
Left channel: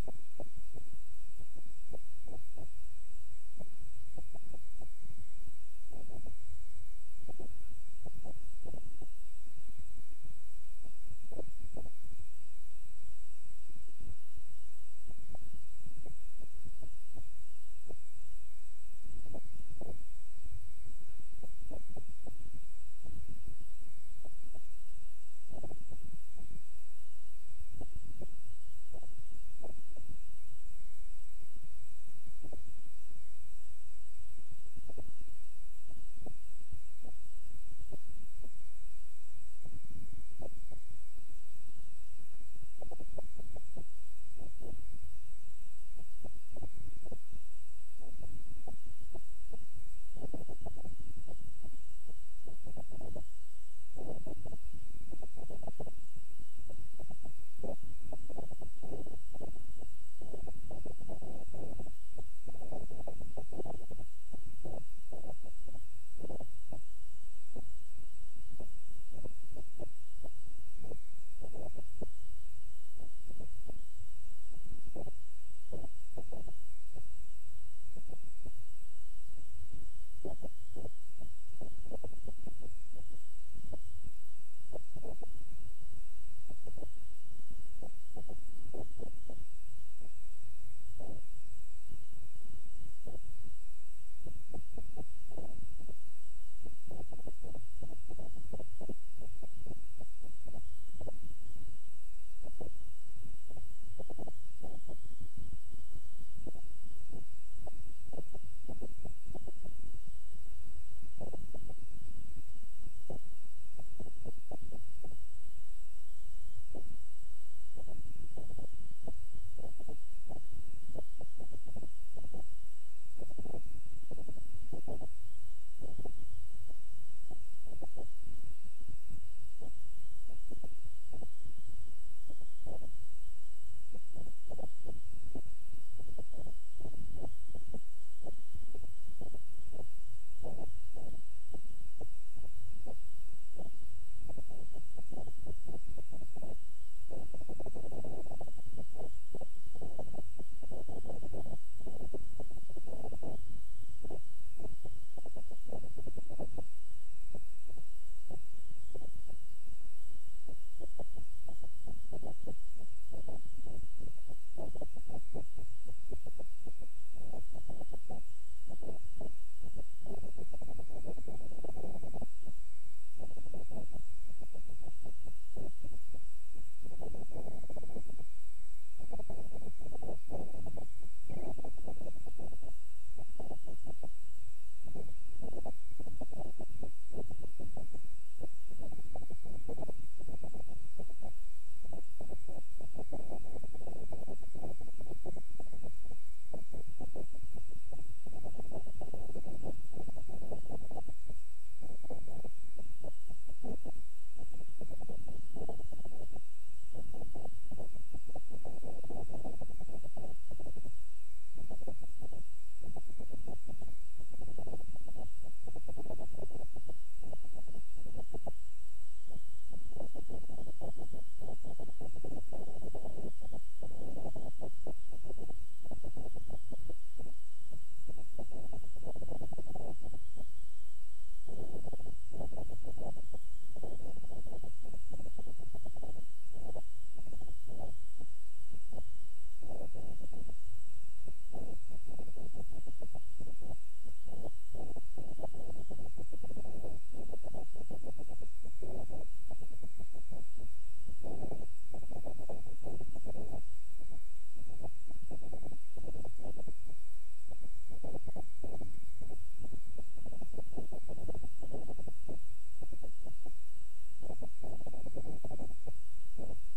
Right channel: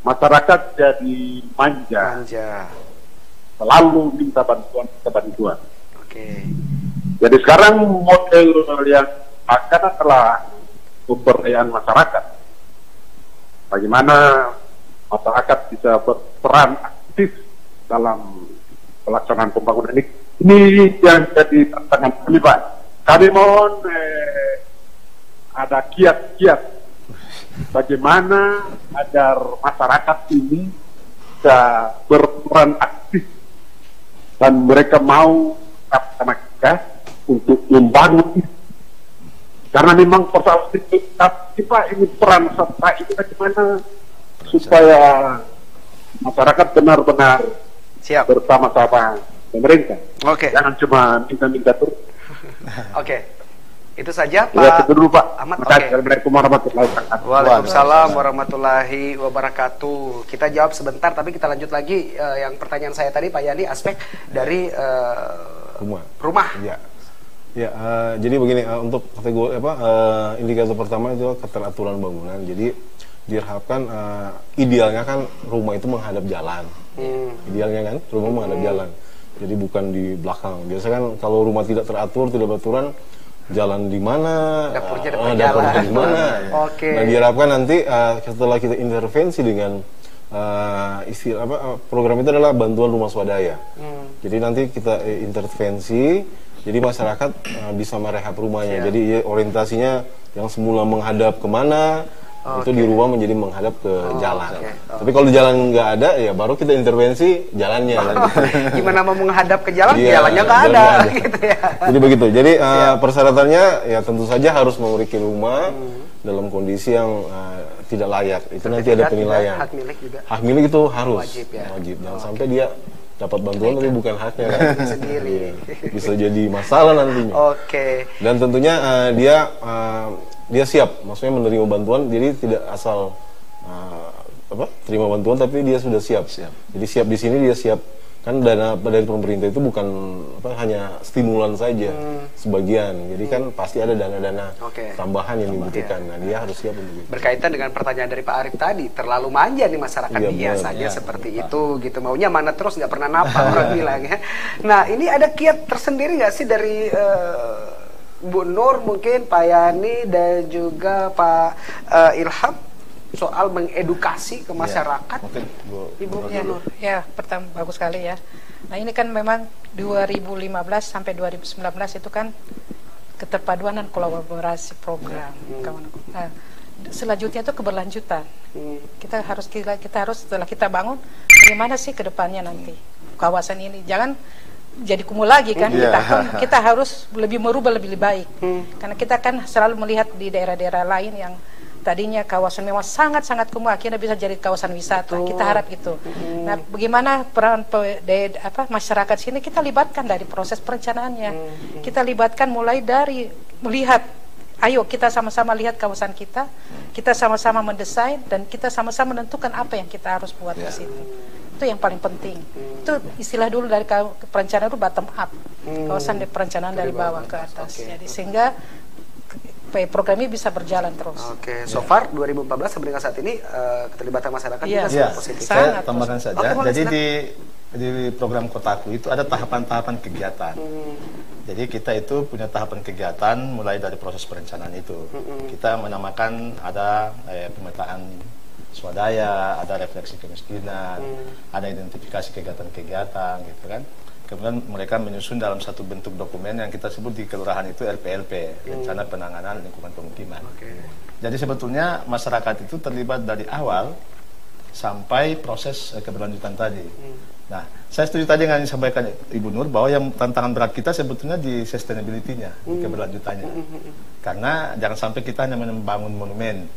masyarakat jadi manja. Selalu minta bantuan. Oke. Jadi sekarang model yang akan adalah pemberdayaan masyarakat. Bagaimana masyarakat bisa berperan aktif dalam pelaksanaan pembangunan ini. Ini yang jadi tantangan kami, Pak. Kami mohon ada kiat-kiat bagaimana agar masyarakat ini bisa berperan aktif dan mereka mau sama kita untuk membangun itu. Karena memang persoalan itu, tapi Pak, ini peran serta itu bagaimana supaya masyarakat benar-benar bersama-sama pemerintah. Oke. Jangan cuma minta-minta terus. Oke. Itu saja Pak. Ya, itu dulu Pak. Ahmad. Assalamualaikum warahmatullahi wabarakatuh. Waalaikumsalam warahmatullahi wabarakatuh. Kita jawab sebentar, tapi kita lanjut lagi yang pertanyaan saya tadi Pak Yani, aspek dari rumah. Ya, jadi begini, untuk kategori indikator pertama itu keteraturan bangunan. Jadi diharapkan idealnya kan rumah itu menghadap jalan. Idealnya kan rumah menghadap jalan. Jadi bukan di belakang. Biasanya kan kalau rumah tidak teratur, tidak beraturan, jalan di mana, dapurnya di mana. Oke. Nah, diharapkan nanti setelah kita intervensi dengan program itu adalah bantuan rumah swadaya. Jadi nanti kita intervensi, jadi masyarakat bisa merehab rumahnya. Jadi orientasinya yang semula menghadap kemana, itu dirubah menjadi menghadap ke jalan. Tapi kalau di jalan nggak ada, ya baru kita intervensi jalannya. Gimana mau menghadap ke jalan, jalannya nggak ada. Gitu ya. Jadi begitu. Jadi persyaratannya ya tentu saja harus memiliki rumah dalam kondisi yang tidak layak. Itu nanti ada penilaian. Hak milik juga. Hak milik itu harus wajib. Jangan sampai dia dapat bantuan tapi bukan haknya. Sendiri. Bisa jadi masalah nantinya. Oke. Dan tentunya dia siap, maksudnya menerima bantuan, jadi tidak asal terima bantuan, tapi dia sudah siap. Jadi siap di sini dia siap, kan dana dari pemerintah itu bukan hanya stimulan saja, sebagian. Jadi kan pasti ada dana-dana tambahan yang dibutuhkan. Nah, dia harus siap untuk itu. Berkaitan dengan pertanyaan dari Pak Arif tadi, terlalu manja nih masyarakat biasanya seperti itu, gitu. Maunya mana terus, nggak pernah napa orang bilang ya. Nah, ini ada kiat tersendiri nggak sih dari Bu Nur, mungkin Pak Yani dan juga Pak Ilham soal mengedukasi ke masyarakat? Ibu Nur, ya pertama bagus sekali ya. Nah ini kan memang 2015 sampai 2019 itu kan keterpaduan dan kolaborasi program. Nah, selanjutnya itu keberlanjutan. Kita harus setelah kita bangun, bagaimana sih ke depannya nanti kawasan ini? Jangan jadi kumuh lagi kan, kita harus lebih merubah lebih baik, karena kita kan selalu melihat di daerah-daerah lain yang tadinya kawasan memang sangat-sangat kumuh, akhirnya bisa jadi kawasan wisata. Kita harap gitu. Nah, bagaimana peran masyarakat sini kita libatkan dari proses perencanaannya, kita libatkan mulai dari melihat, ayo kita sama-sama lihat kawasan kita sama-sama mendesain dan kita sama-sama menentukan apa yang kita harus buat di situ. Itu yang paling penting. Itu istilah dulu dari perencanaan itu bottom up, kawasan perencanaan dari bawah ke atas. Jadi sehingga program ini bisa berjalan terus. Oke, so far 2014 sampai dengan saat ini keterlibatan masyarakat juga sangat positif. Saya tambahkan saja. Jadi di program Kotaku itu ada tahapan-tahapan kegiatan. Jadi kita itu punya tahapan kegiatan mulai dari proses perencanaan itu. Kita menamakan ada pemetaan swadaya, ada refleksi kemiskinan, ada identifikasi kegiatan-kegiatan gitu kan. Kemudian mereka menyusun dalam satu bentuk dokumen yang kita sebut di kelurahan itu RPLP, Rencana Penanganan Lingkungan Pemukiman. Jadi sebetulnya masyarakat itu terlibat dari awal sampai proses keberlanjutan tadi. Nah, saya setuju tadi dengan yang disampaikan Ibu Nur bahwa yang tantangan berat kita sebetulnya di sustainability-nya, keberlanjutannya. Karena jangan sampai kita hanya membangun monumen,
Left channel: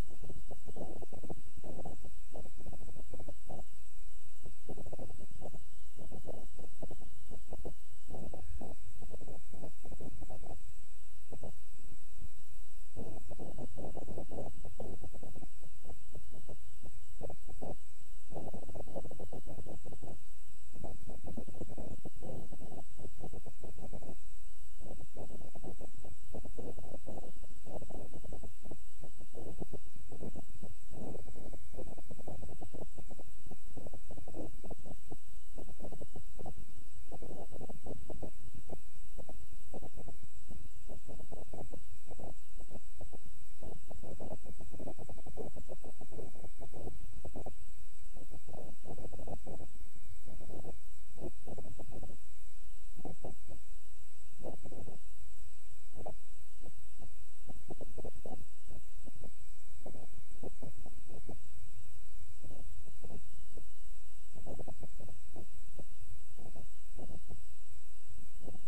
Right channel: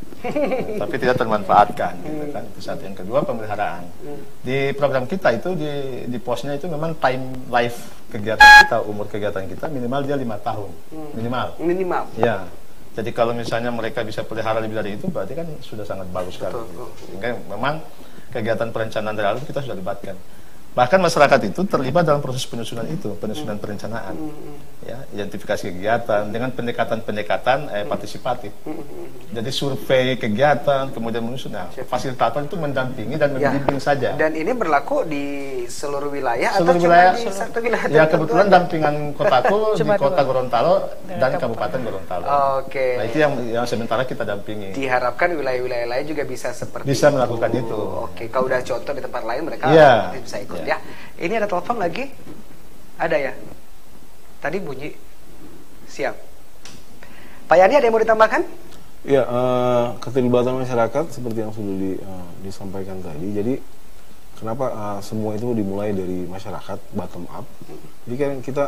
tapi tidak termanfaatkan. Gitu kan. Itu satu. Yang kedua, pemeliharaan. Di program kita itu, di posnya itu memang time life kegiatan kita, umur kegiatan kita minimal dia 5 tahun. Minimal. Ya. Jadi kalau misalnya mereka bisa pelihara lebih dari itu, berarti kan sudah sangat bagus sekali. Sehingga memang kegiatan perencanaan dari awal kita sudah libatkan. Bahkan masyarakat itu terlibat dalam proses penyusunan itu, penyusunan perencanaan, ya, identifikasi kegiatan dengan pendekatan partisipatif. Jadi survei kegiatan, kemudian menyusun. Nah, fasilitator itu mendampingi dan membimbing saja. Dan ini berlaku di seluruh wilayah seluruh atau wilayah, cuma di satu wilayah? Ya kebetulan dampingan kotaku di Kota Gorontalo dan Kabupaten Gorontalo. Oke. Nah itu yang sementara kita dampingi. Diharapkan wilayah-wilayah lain juga bisa seperti bisa melakukan itu. Oke, kalau udah contoh di tempat lain mereka bisa ikut. Ya, ini ada telepon lagi? Ada ya? Tadi bunyi. Siap. Pak Yani ada yang mau ditambahkan? Ya, keterlibatan masyarakat seperti yang sudah disampaikan tadi. Jadi kenapa semua itu dimulai dari masyarakat bottom up? Jadi kan kita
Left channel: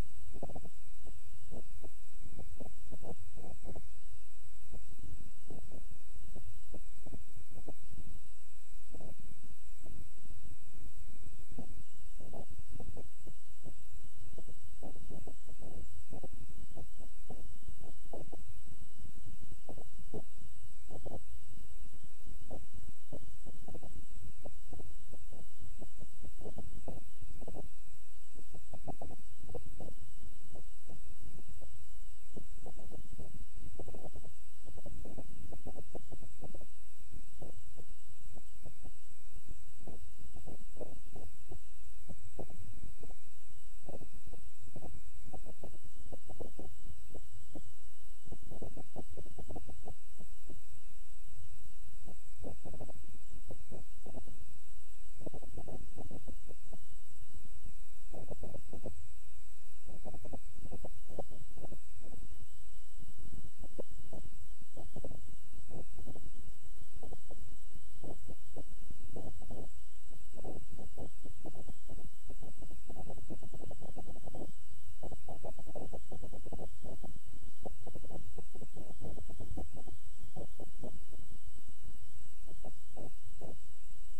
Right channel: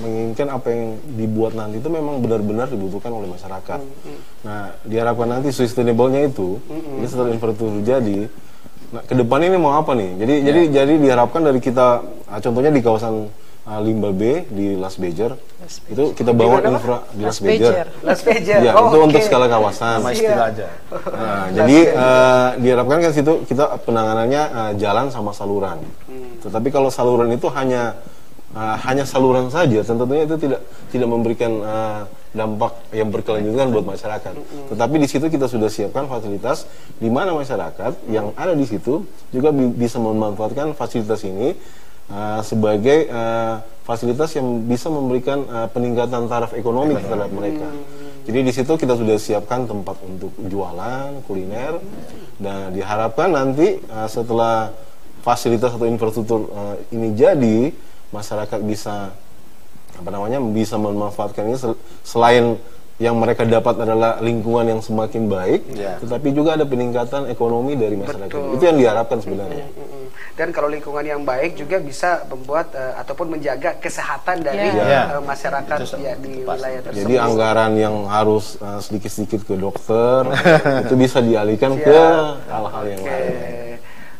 menginginkan apa yang dibuat nanti itu memang benar-benar dibutuhkan oleh masyarakat. Nah, diharapkan nanti sustainable-nya itu, ini setelah infrastruktur jadi. Nah, ke depan ini mau apa nih? Jadi diharapkan dari kita, contohnya di kawasan Limbal B di Las Bejer, itu kita bangun infra di Las Bejer. Ya, itu untuk skala kawasan. Sama istilah aja. Nah, jadi diharapkan kan situ kita penanganannya jalan sama saluran. Tetapi kalau saluran itu hanya saluran saja, tentunya itu tidak memberikan dampak yang berkelanjutan buat masyarakat. Tetapi di situ kita sudah siapkan fasilitas di mana masyarakat yang ada di situ juga bisa memanfaatkan fasilitas ini sebagai fasilitas yang bisa memberikan peningkatan taraf ekonomi terhadap mereka. Jadi di situ kita sudah siapkan tempat untuk jualan, kuliner, dan diharapkan nanti setelah fasilitas atau infrastruktur ini jadi, masyarakat bisa bisa memanfaatkan ini selain yang mereka dapat adalah lingkungan yang semakin baik, tetapi juga ada peningkatan ekonomi dari masyarakat. Itu yang diharapkan sebenarnya. Dan kalau lingkungan yang baik juga bisa membuat ataupun menjaga kesehatan dari masyarakat di wilayah tersebut. Jadi anggaran yang harus sedikit-sedikit ke dokter itu bisa dialihkan ke hal-hal yang lain.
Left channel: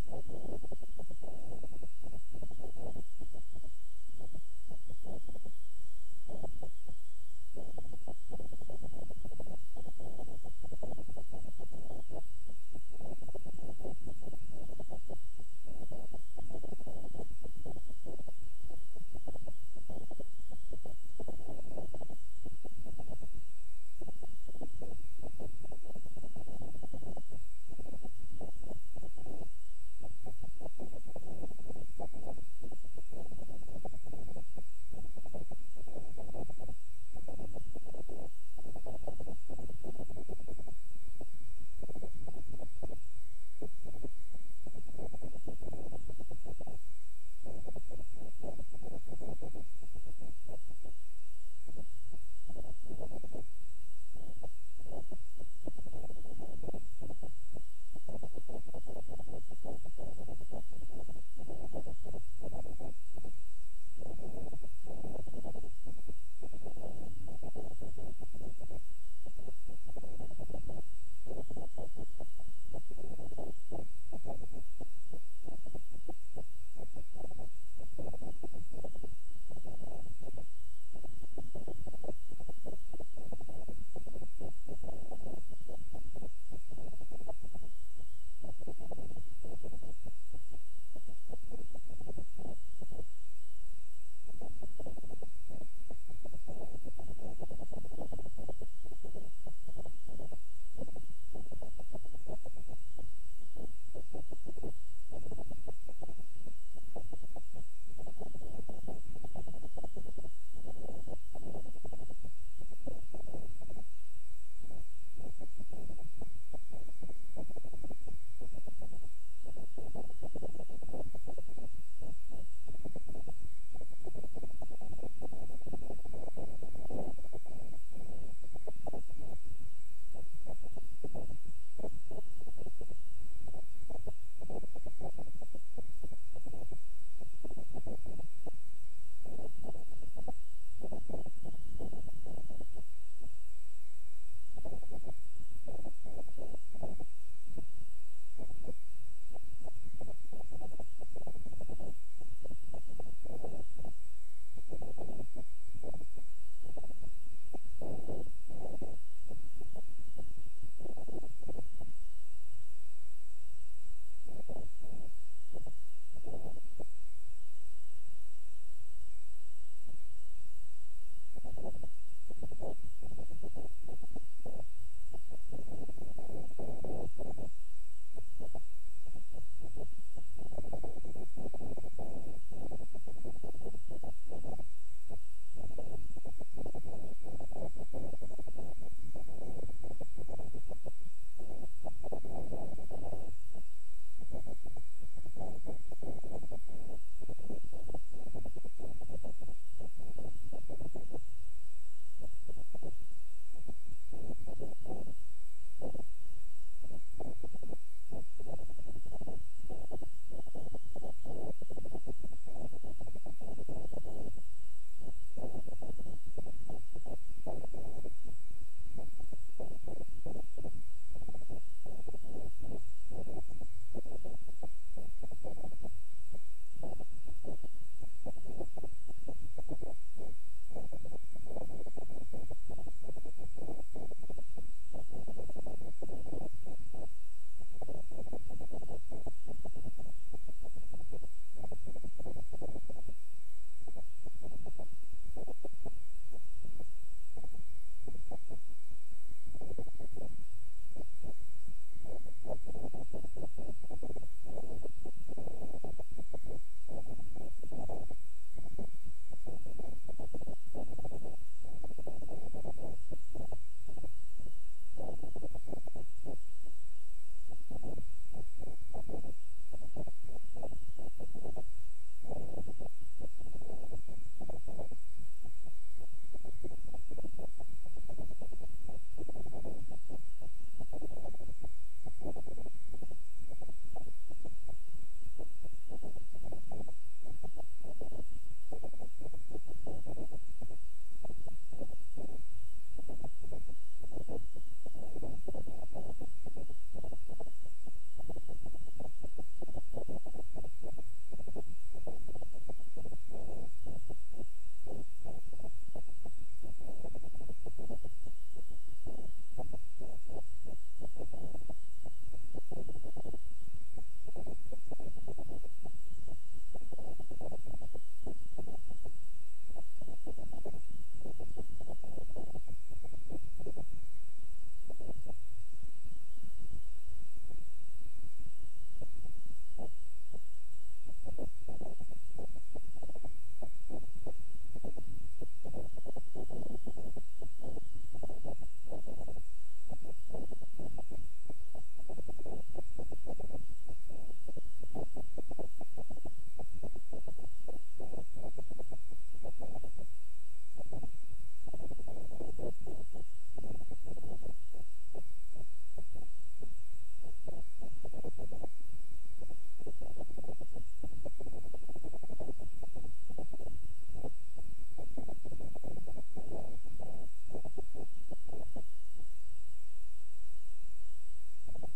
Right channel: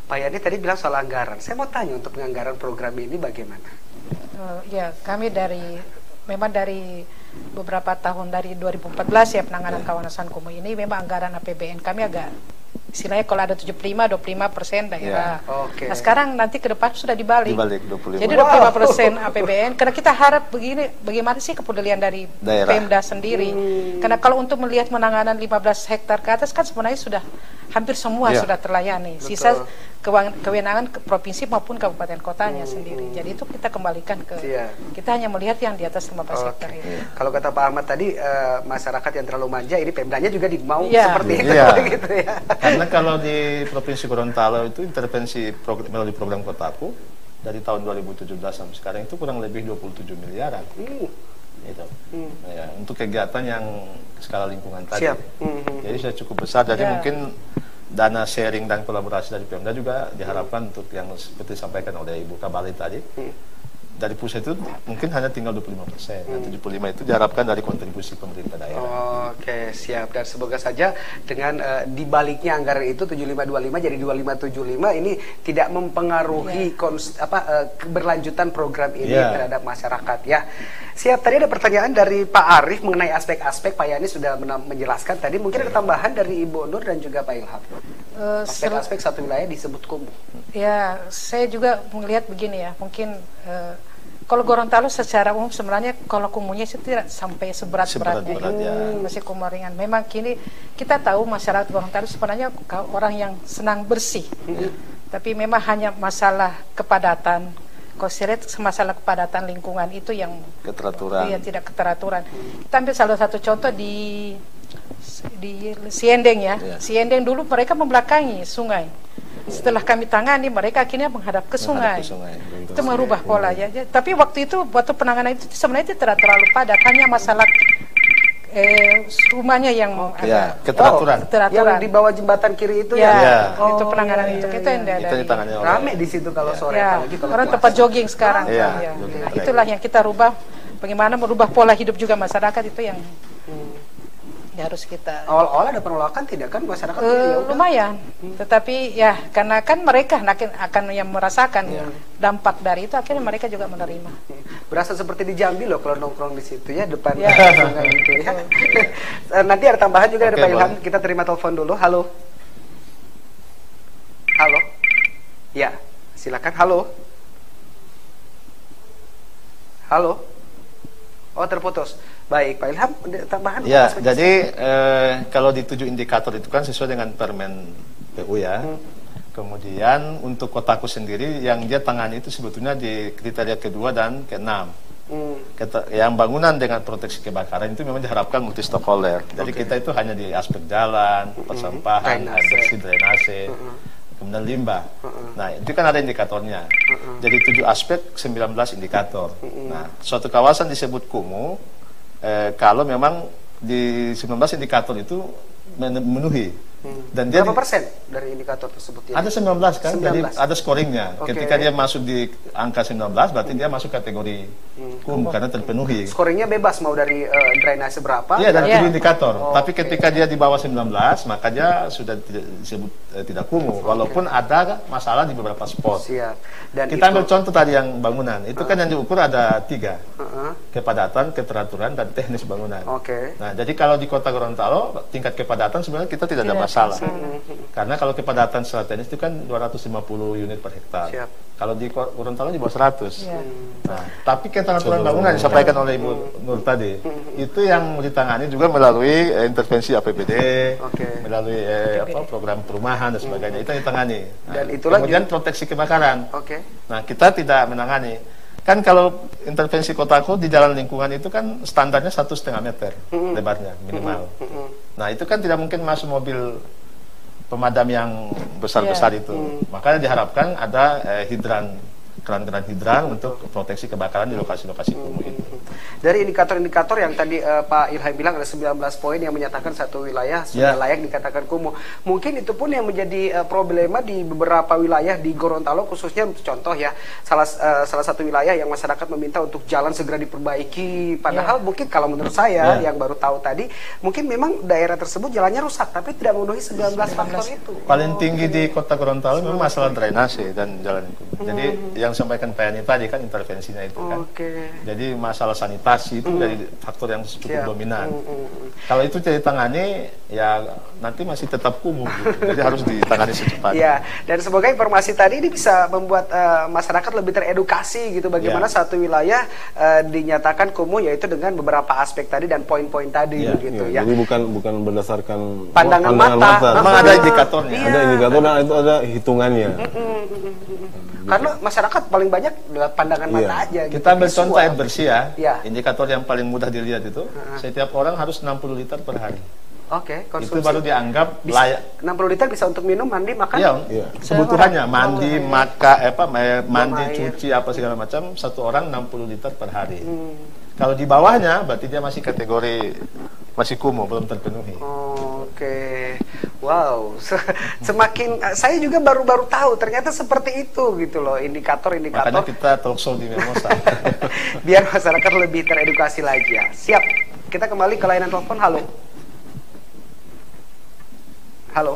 Pak Yani tadi bilang soal anggaran. Saya mau tanya untuk penganggaran program ini bagaimana? Ya, kami memang dari beberapa tahun dari 2014 ya penanganan kawasan kumuh ini memang anggaran APBN kami agak istilahnya kalau ada 25% daerah. Nah sekarang nanti ke depan sudah dibalik 25. Jadi 25% APBN karena kita harap bagaimana sih kepedulian dari Pemda sendiri. Karena kalau untuk melihat penanganan 15 hektar ke atas kan sebenarnya sudah hampir semua sudah terlayani. Sisa kewenangan provinsi maupun kabupaten kotanya sendiri. Jadi itu kita kembalikan ke kita hanya melihat yang di atas 15 hektar ini. Kalau kata Pak Ahmad tadi masyarakat yang terlalu manja ini Pemdanya juga mau seperti itu gitu ya. Karena kalau di Provinsi Gorontalo itu intervensi melalui program Kotaku dari tahun 2017 sampai sekarang itu kurang lebih 27 miliaran. Gitu. Ya, untuk kegiatan yang skala lingkungan tadi. Jadi sudah cukup besar. Jadi mungkin dana sharing dan kolaborasi dari Pemda juga diharapkan untuk yang seperti disampaikan oleh Ibu Kabali tadi. Dari pusat itu mungkin hanya tinggal 25%. Dan 75% itu diharapkan dari kontribusi pemerintah daerah. Oke, siap. Dan semoga saja dengan dibaliknya anggaran itu 7525 jadi 2575 ini tidak mempengaruhi keberlanjutan program ini terhadap masyarakat ya. Siap. Tadi ada pertanyaan dari Pak Arief mengenai aspek-aspek. Pak Yani sudah menjelaskan tadi. Mungkin ada tambahan dari Ibu Nur dan juga Pak Ilham. Aspek-aspek satu wilayah disebut kumuh. Ya, saya juga melihat begini ya. Mungkin kalau Gorontalo secara umum sebenarnya kalau kumuhnya itu tidak sampai seberat-beratnya. Masih kumuh ringan. Memang kini kita tahu masyarakat Gorontalo sebenarnya orang yang senang bersih. Tapi memang hanya masalah kepadatan, Kalau saya lihat masalah kepadatan lingkungan itu yang keteraturan. Iya, tidak keteraturan. Kita ambil salah satu contoh di Siendeng ya. Siendeng dulu mereka membelakangi sungai. Setelah kami tangani, mereka akhirnya menghadap ke sungai. Itu merubah pola ya. Tapi waktu penanganan itu sebenarnya tidak terlalu padat, hanya masalah rumahnya yang ya, keteraturan. Yang di bawah jembatan kiri itu ya. Itu penanganan itu yang rame di situ kalau sore apalagi kalau orang tempat jogging sekarang. Itulah yang kita rubah, bagaimana merubah pola hidup juga masyarakat itu yang harus kita. Awal-awal ada penolakan tidak kan masyarakat? Lumayan, tetapi ya karena kan mereka akan yang merasakan dampak dari itu, akhirnya mereka juga menerima. Berasa seperti di Jambi loh kalau nongkrong di situ ya, depan sungai gitu ya. Nanti ada tambahan juga dari Pak Ilham. Kita terima telepon dulu. Halo. Halo. Ya, silakan. Halo. Halo. Oh, terputus. Baik, Pak Ilham, tambahan? Ya, jadi kalau di 7 indikator itu kan sesuai dengan Permen PU ya. Kemudian untuk kotaku sendiri yang dia tangani itu sebetulnya di kriteria kedua dan ke-6. Yang bangunan dengan proteksi kebakaran itu memang diharapkan multi stakeholder. Jadi kita itu hanya di aspek jalan, persampahan, air bersih, drainase, kemudian limbah. Nah, itu kan ada indikatornya. Jadi 7 aspek, 19 indikator. Nah, suatu kawasan disebut kumuh kalau memang di 19 indikator itu memenuhi. Dan dia berapa persen dari indikator tersebut? Ada 19 kan, 19. Jadi ada scoringnya. Ketika dia masuk di angka 19, berarti dia masuk kategori kumuh karena terpenuhi. Scoringnya bebas mau dari drainase berapa? Iya, dari 7 indikator. Tapi ketika dia di bawah 19, maka dia sudah disebut tidak kumuh. Walaupun ada masalah di beberapa spot. Dan kita ambil contoh tadi yang bangunan. Itu kan yang diukur ada 3. Kepadatan, keteraturan, dan teknis bangunan. Nah, jadi kalau di Kota Gorontalo, tingkat kepadatan sebenarnya kita tidak ada masalah. Karena kalau kepadatan secara teknis itu kan 250 unit per hektar. Kalau di Gorontalo di bawah 100. Nah, tapi keteraturan bangunan disampaikan oleh Ibu Nur tadi, itu yang ditangani juga melalui intervensi APBD, melalui program perumahan dan sebagainya. Itu yang ditangani. Nah, dan kemudian proteksi kebakaran. Nah, kita tidak menangani. Kan kalau intervensi kotaku di jalan lingkungan itu kan standarnya 1,5 meter lebarnya minimal. Nah, itu kan tidak mungkin masuk mobil pemadam yang besar-besar itu. Makanya diharapkan ada keran-keran hidran untuk proteksi kebakaran di lokasi-lokasi kumuh itu. Dari indikator-indikator yang tadi Pak Ilham bilang ada 19 poin yang menyatakan satu wilayah sudah layak dikatakan kumuh. Mungkin itu pun yang menjadi problema di beberapa wilayah di Gorontalo, khususnya contoh ya, salah satu wilayah yang masyarakat meminta untuk jalan segera diperbaiki. Padahal mungkin kalau menurut saya yang baru tahu tadi, mungkin memang daerah tersebut jalannya rusak tapi tidak memenuhi 19 faktor itu. Paling tinggi di Kota Gorontalo memang masalah drainase dan jalan lingkungan. Jadi yang sampaikan Pak Yani tadi kan intervensinya itu kan. Jadi masalah sanitasi itu dari faktor yang cukup dominan. Kalau itu ditangani ya nanti masih tetap kumuh gitu. Jadi harus ditangani secepatnya. Ya, dan semoga informasi tadi ini bisa membuat masyarakat lebih teredukasi gitu bagaimana satu wilayah dinyatakan kumuh, yaitu dengan beberapa aspek tadi dan poin-poin tadi begitu ya. Jadi bukan berdasarkan pandangan mata. Memang ada indikatornya. Ada indikator dan itu ada hitungannya. Karena masyarakat paling banyak adalah pandangan mata aja. Kita ambil contoh air bersih ya. Indikator yang paling mudah dilihat itu, setiap orang harus 60 liter per hari. Konsumsi. Itu baru dianggap layak. 60 liter bisa untuk minum, mandi, makan? Iya. Kebutuhannya mandi, mandi, cuci apa segala macam, satu orang 60 liter per hari. Kalau di bawahnya berarti dia masih kategori masih kumuh, belum terpenuhi. Wow, semakin saya juga baru tahu ternyata seperti itu gitu loh, indikator-indikator. Makanya kita talk show di Memosa. Biar masyarakat lebih teredukasi lagi ya. Siap. Kita kembali ke layanan telepon. Halo. Halo.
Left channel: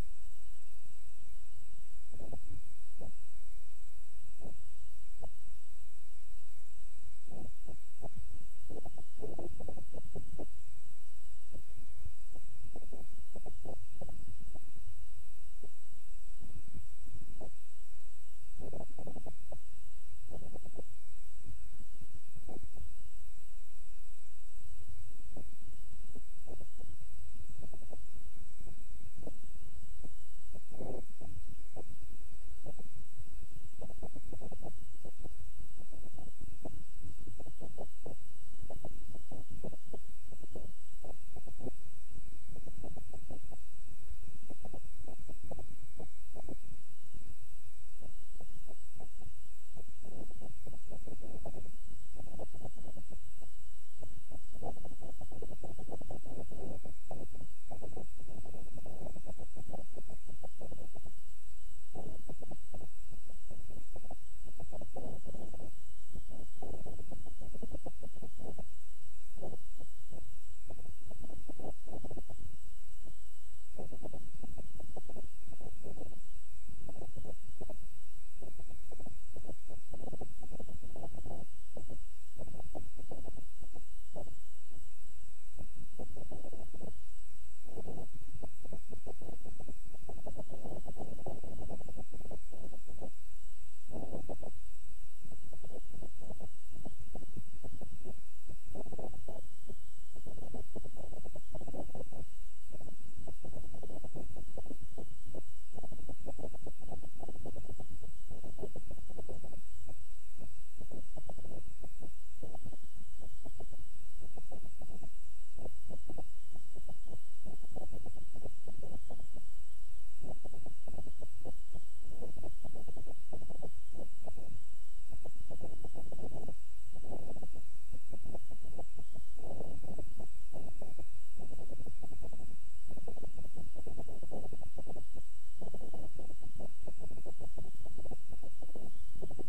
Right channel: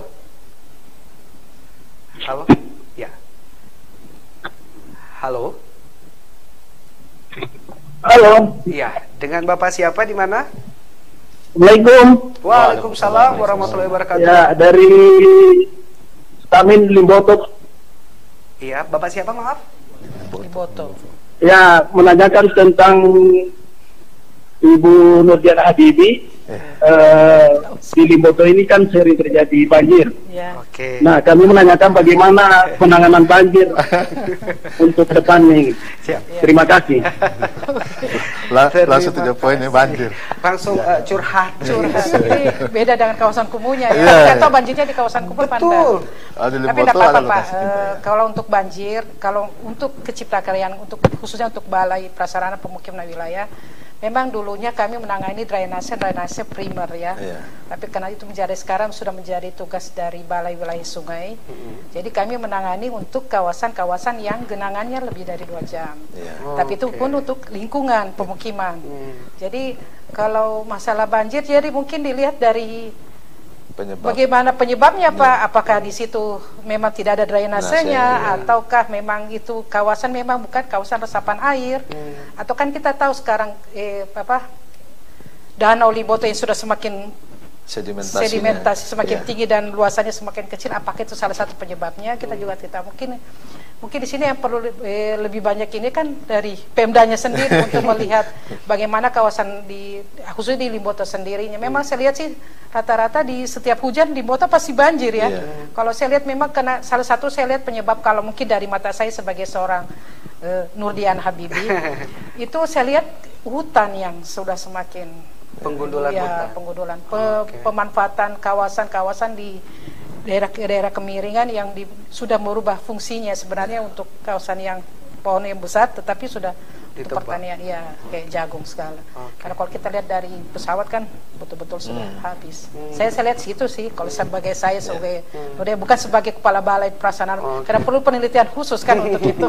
Halo. Ya. Halo. Halo. Iya, dengan Bapak siapa di mana? Assalamualaikum. Waalaikumsalam warahmatullahi wabarakatuh. Ya, dari Stamin Limboto. Iya, Bapak siapa maaf? Limboto. Ya, menanyakan tentang Ibu Nurdiana Habibi. di Limboto ini kan sering terjadi banjir. Oke. Nah, kami menanyakan bagaimana penanganan banjir untuk depan nih. Siap. Terima kasih. Langsung 3 poin ya, banjir. Langsung curhat. Ini beda dengan kawasan kumuhnya ya. Kita tahu banjirnya di kawasan kumuh Pandan. Tapi tidak apa-apa Pak. Kalau untuk banjir, kalau untuk kecipta karyaan, untuk khususnya untuk Balai Prasarana Pemukiman Wilayah, memang dulunya kami menangani drainase primer ya. Tapi karena itu sekarang sudah menjadi tugas dari Balai Wilayah Sungai. Jadi kami menangani untuk kawasan-kawasan yang genangannya lebih dari 2 jam. Tapi itu pun untuk lingkungan pemukiman. Jadi kalau masalah banjir, jadi mungkin dilihat dari bagaimana penyebabnya Pak? Apakah di situ memang tidak ada drainasenya, ataukah memang itu kawasan memang bukan kawasan resapan air? Atau kan kita tahu sekarang Danau Limboto yang sudah semakin sedimentasi semakin tinggi dan luasannya semakin kecil. Apakah itu salah satu penyebabnya? Kita juga tidak mungkin di sini yang perlu lebih banyak ini kan dari Pemdanya sendiri untuk melihat bagaimana kawasan khususnya di Limboto sendirinya. Memang saya lihat sih rata-rata di setiap hujan Limboto pasti banjir ya. Kalau saya lihat memang karena salah satu saya lihat penyebab, kalau mungkin dari mata saya sebagai seorang Nurdian Habibi itu saya lihat hutan yang sudah semakin penggundulan hutan. Pemanfaatan kawasan-kawasan di daerah kemiringan yang sudah merubah fungsinya sebenarnya untuk kawasan yang pohon yang besar, tetapi sudah untuk pertanian kayak jagung segala. Karena kalau kita lihat dari pesawat kan betul-betul sudah habis. Saya lihat situ sih kalau sebagai sebagai bukan sebagai kepala Balai Prasarana, karena perlu penelitian khusus kan untuk itu.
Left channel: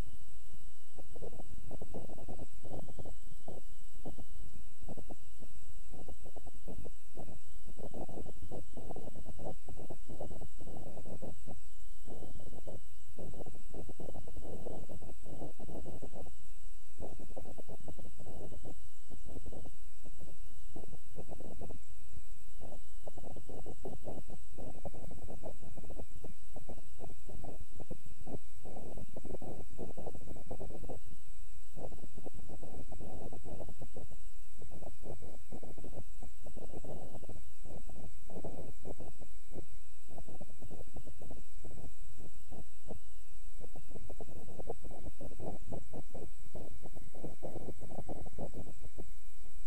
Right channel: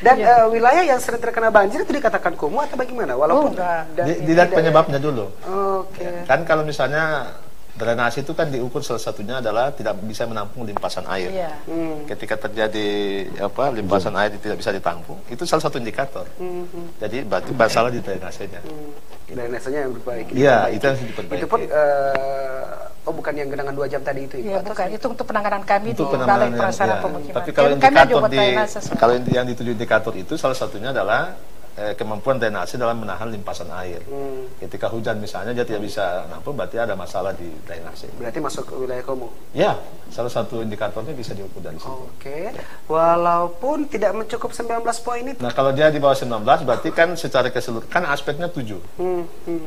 Dan wilayah yang sering terkena banjir itu dikatakan kumuh atau bagaimana? Walaupun dilihat penyebabnya dulu. Kan kalau misalnya drainase itu kan diukur salah satunya adalah tidak bisa menampung limpasan air. Ketika terjadi limpasan air tidak bisa ditampung, itu salah satu indikator. Jadi berarti masalah di drainasenya. Drainasenya yang diperbaiki. Iya, itu yang harus diperbaiki. Itu pun bukan yang genangan 2 jam tadi itu. Iya, bukan. Itu untuk penanganan kami di Balai Prasarana Pemukiman. Tapi kalau yang dituju indikator itu salah satunya adalah kemampuan drainase dalam menahan limpasan air. Ketika hujan misalnya dia tidak bisa nampung, berarti ada masalah di drainase. Berarti masuk ke wilayah kumuh? Ya, salah satu indikatornya bisa diukur dari situ. Walaupun tidak mencukup 19 poin itu. Nah, kalau dia di bawah 19 berarti kan secara keseluruhan kan aspeknya 7.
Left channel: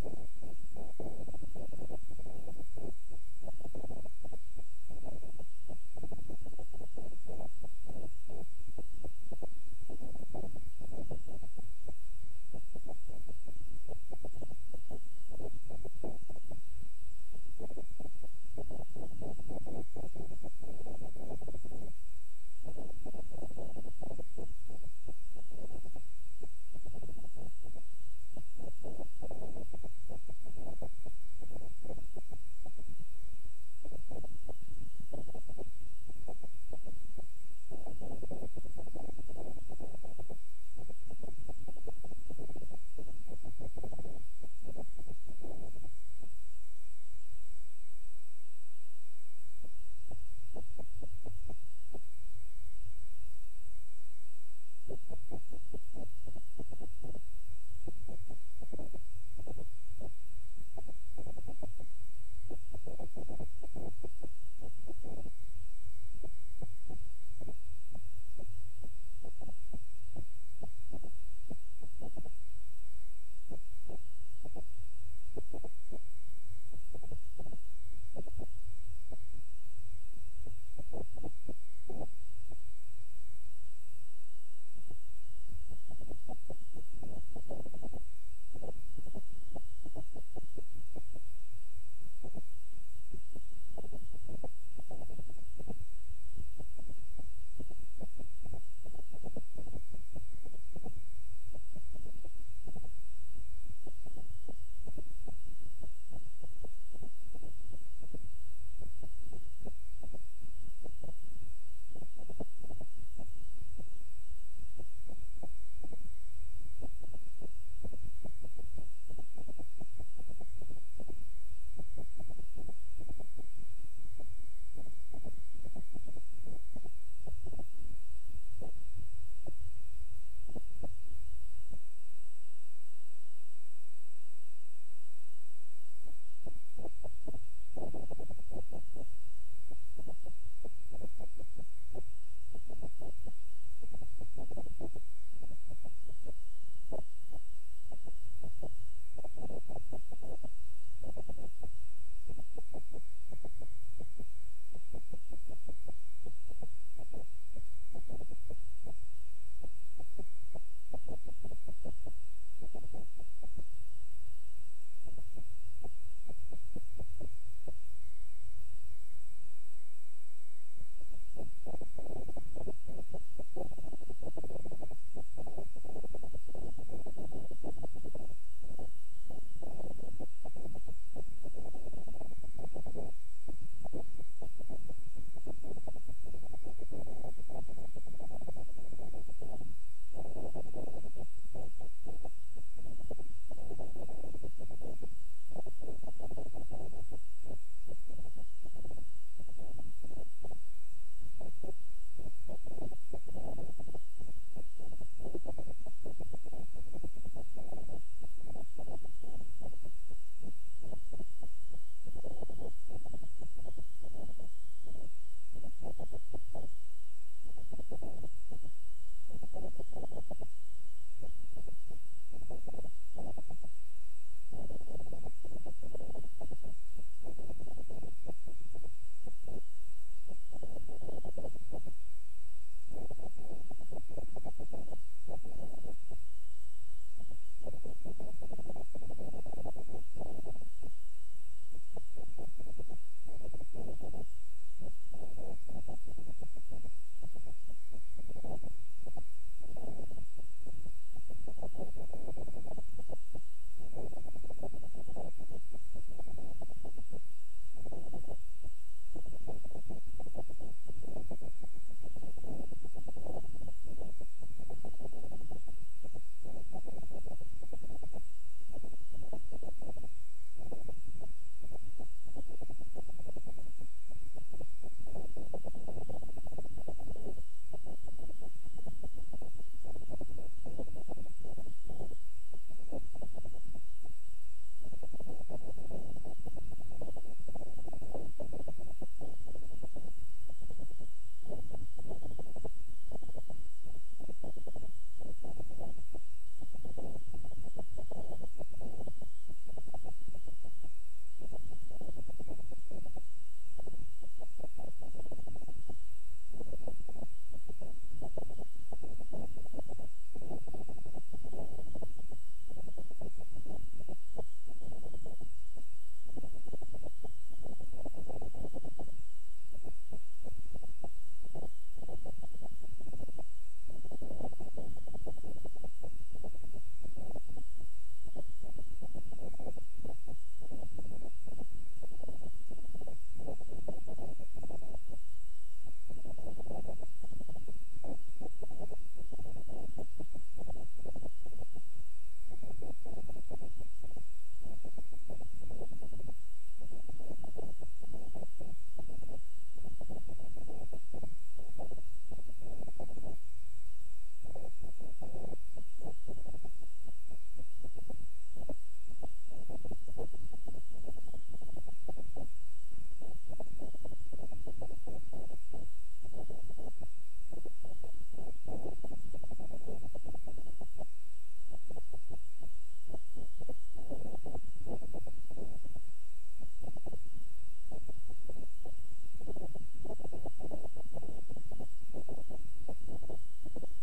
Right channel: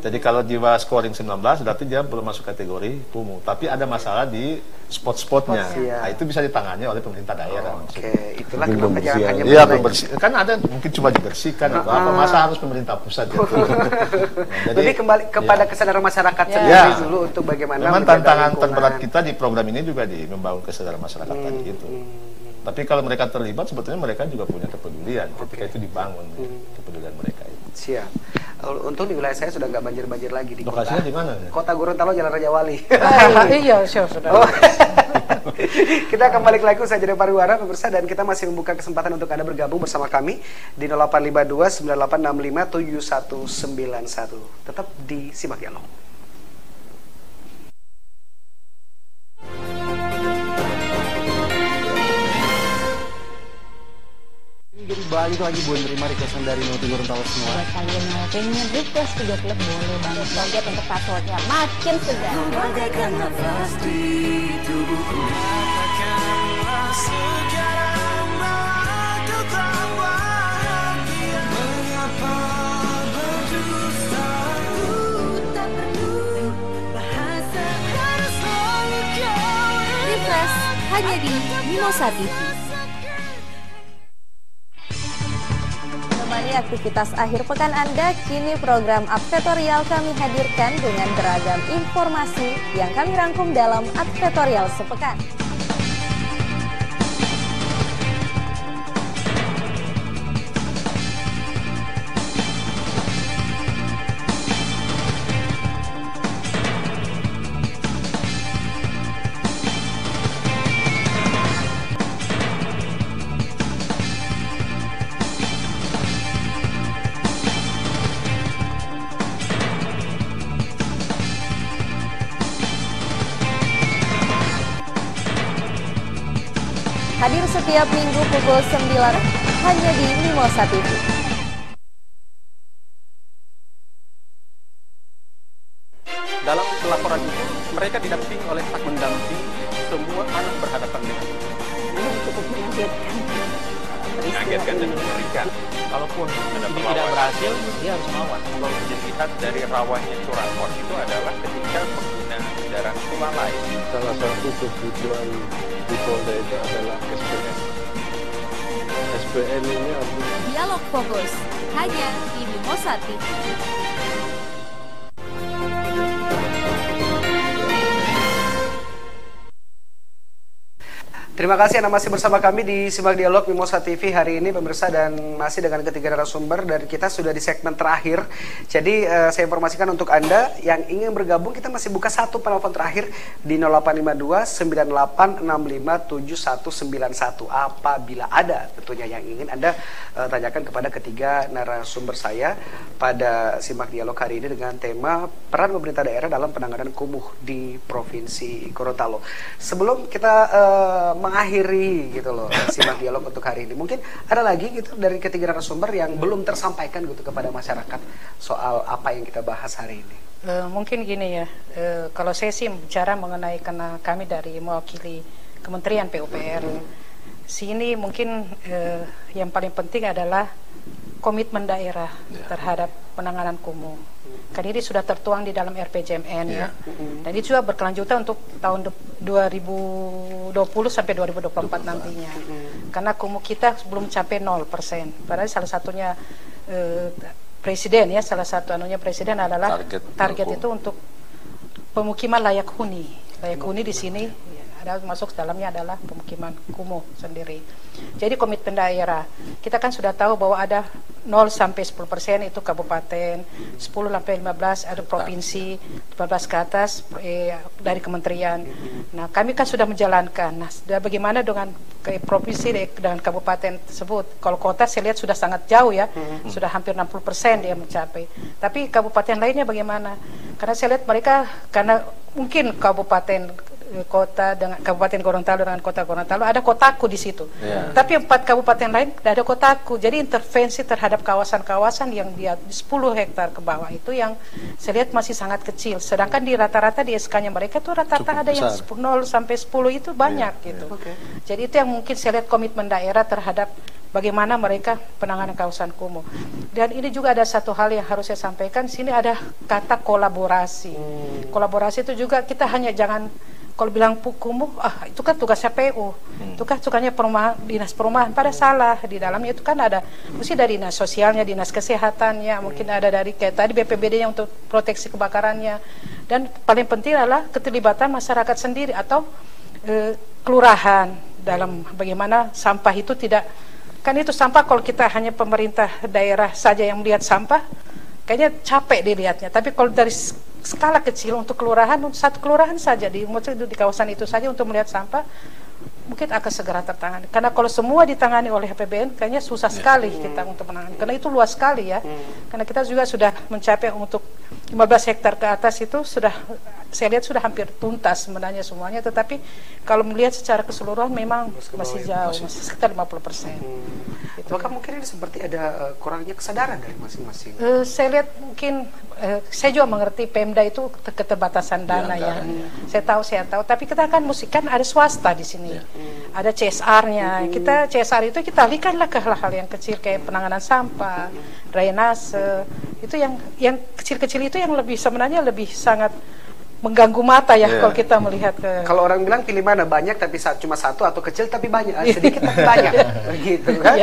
Jadi kalau di bawah scoring 19 berarti dia belum masuk kategori kumuh. Tapi ada masalah di spot-spotnya. Nah, itu bisa ditangani oleh pemerintah daerah. Itulah kenapa jangan hanya kan ada mungkin cuma dibersihkan atau apa, masa harus pemerintah pusat gitu. Jadi kembali kepada kesadaran masyarakat sendiri dulu untuk bagaimana. Memang tantangan terberat kita di program ini juga membangun kesadaran masyarakat tadi itu. Tapi kalau mereka terlibat, sebetulnya mereka juga punya kepedulian ketika itu dibangun kepedulian mereka itu. Siap. Untung di wilayah saya sudah nggak banjir-banjir lagi di lokasinya di mana? Kota Gorontalo, Jalan Raja Wali. Iya, sudah. Kita kembali lagi usai jeda pariwara pemirsa, dan kita masih membuka kesempatan untuk Anda bergabung bersama kami di 0852 9865 7191. Tetap di Simak Dialog. Jadi banyak lagi Bu menerima requestan dari Noti Gorontalo semua. Buat kalian mau pengen request video klip boleh banget banget untuk passwordnya makin segar. Bagaikan nafas di tubuhku. Katakanlah sekarang aku tak bahagia. Mengapa berdusta? Tak perlu bahasa harus selalu kau. Refresh hanya di Mimosa TV. Aktivitas akhir pekan Anda, kini program Advertorial kami hadirkan dengan beragam informasi yang kami rangkum dalam Advertorial Sepekan. Hadir setiap minggu pukul 9 hanya di Mimosa TV. dalam pelaporan itu mereka didampingi oleh staf mendamping semua anak berhadapan dengan ini cukup mengagetkan dan mengerikan. Kalaupun ini tidak berhasil, dia harus melawan. Kalau dilihat dari rawannya curanmor itu adalah ketika pengguna kendaraan lalai. Salah satu kebutuhan di Polda itu adalah SPN. SPN ini harus Dialog Fokus hanya di Mimosa TV. Terima kasih Anda masih bersama kami di Simak Dialog Mimosa TV hari ini pemirsa, dan masih dengan ketiga narasumber dan kita sudah di segmen terakhir. Jadi saya informasikan untuk Anda yang ingin bergabung, kita masih buka satu penelpon terakhir di 0852 9865 7191 apabila ada tentunya yang ingin Anda tanyakan kepada ketiga narasumber saya pada Simak Dialog hari ini dengan tema peran pemerintah daerah dalam penanganan kumuh di Provinsi Gorontalo. Sebelum kita mengakhiri gitu loh Simak Dialog untuk hari ini, mungkin ada lagi gitu dari ketiga narasumber yang belum tersampaikan gitu kepada masyarakat soal apa yang kita bahas hari ini. Mungkin gini ya, kalau saya sih bicara mengenai, karena kami dari mewakili Kementerian PUPR, sini mungkin yang paling penting adalah komitmen daerah terhadap penanganan kumuh. Kan ini sudah tertuang di dalam RPJMN ya. Dan ini juga berkelanjutan untuk tahun 2020 sampai 2024 nantinya. Karena kumuh kita belum capai 0%. Padahal salah satunya presiden ya, salah satu anunya presiden adalah target itu untuk pemukiman layak huni. Layak huni di sini ada masuk dalamnya adalah pemukiman kumuh sendiri. Jadi komitmen daerah, kita kan sudah tahu bahwa ada 0 sampai 10% itu kabupaten, 10 sampai 15 ada provinsi, 15 ke atas dari kementerian. Nah, kami kan sudah menjalankan. Nah, bagaimana dengan provinsi dengan kabupaten tersebut? Kalau kota saya lihat sudah sangat jauh ya, sudah hampir 60% dia mencapai. Tapi kabupaten lainnya bagaimana? Karena saya lihat mereka, karena mungkin kabupaten kota dengan Kabupaten Gorontalo dengan Kota Gorontalo ada kotaku di situ. Tapi 4 kabupaten lain tidak ada kotaku. Jadi intervensi terhadap kawasan-kawasan yang dia 10 hektar ke bawah itu yang saya lihat masih sangat kecil. Sedangkan di rata-rata di SK-nya mereka tuh rata-rata ada yang 0 sampai 10 itu banyak gitu. Jadi itu yang mungkin saya lihat komitmen daerah terhadap bagaimana mereka penanganan kawasan kumuh. Dan ini juga ada satu hal yang harus saya sampaikan. Sini ada kata kolaborasi. Kolaborasi itu juga kita hanya jangan kalau bilang kumuh, itu kan tugasnya PU, itu kan tugasnya dinas perumahan. Pada salah, di dalamnya itu kan ada, mesti dari dinas sosialnya, dinas kesehatannya, mungkin ada dari kayak tadi BPBD-nya untuk proteksi kebakarannya. Dan paling penting adalah keterlibatan masyarakat sendiri atau kelurahan dalam bagaimana sampah itu tidak, kan itu sampah kalau kita hanya pemerintah daerah saja yang melihat sampah, kayaknya capek dilihatnya. Tapi kalau dari skala kecil untuk kelurahan, satu kelurahan saja di kawasan itu saja untuk melihat sampah, mungkin akan segera tertangani. Karena kalau semua ditangani oleh APBN, kayaknya susah sekali kita untuk menangani. Karena itu luas sekali ya. Karena kita juga sudah mencapai untuk 15 hektar ke atas itu sudah, saya lihat sudah hampir tuntas sebenarnya semuanya. Tetapi kalau melihat secara keseluruhan memang masih jauh, masih sekitar 50%. Maka mungkin ini seperti ada kurangnya kesadaran dari masing-masing. Saya lihat mungkin saya juga mengerti Pemda itu keterbatasan dana ya. Saya tahu. Tapi kita kan kan ada swasta di sini, ada CSR-nya. Kita CSR itu kita alihkanlah ke hal-hal yang kecil kayak penanganan sampah, drainase. Itu yang kecil-kecil itu yang lebih sebenarnya lebih sangat mengganggu mata ya kalau kita melihat ke. Kalau orang bilang pilih mana, banyak tapi cuma satu atau kecil tapi banyak, sedikit tapi banyak, begitu kan?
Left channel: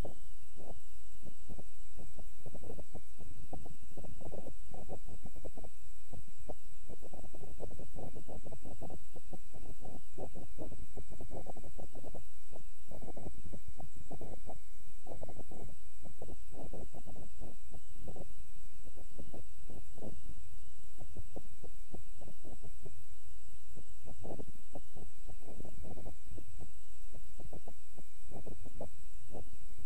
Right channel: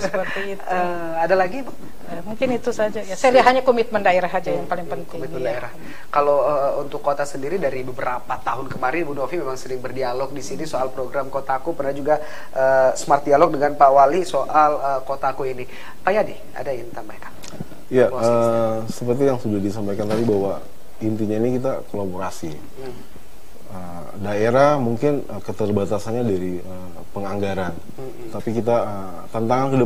Seperti itu. Ada lagi Bu? Mungkin itu saja ya. Saya lihat hanya komitmen daerah saja yang paling penting. Komitmen daerah. Kalau untuk kota sendiri dari beberapa tahun kemarin Bu Novi memang sering berdialog di sini soal program Kotaku, pernah juga smart dialog dengan Pak Wali soal Kotaku ini. Pak Yadi, ada yang tambahkan? Ya, seperti yang sudah disampaikan tadi bahwa intinya ini kita kolaborasi. Daerah mungkin keterbatasannya dari penganggaran, tapi kita tantangan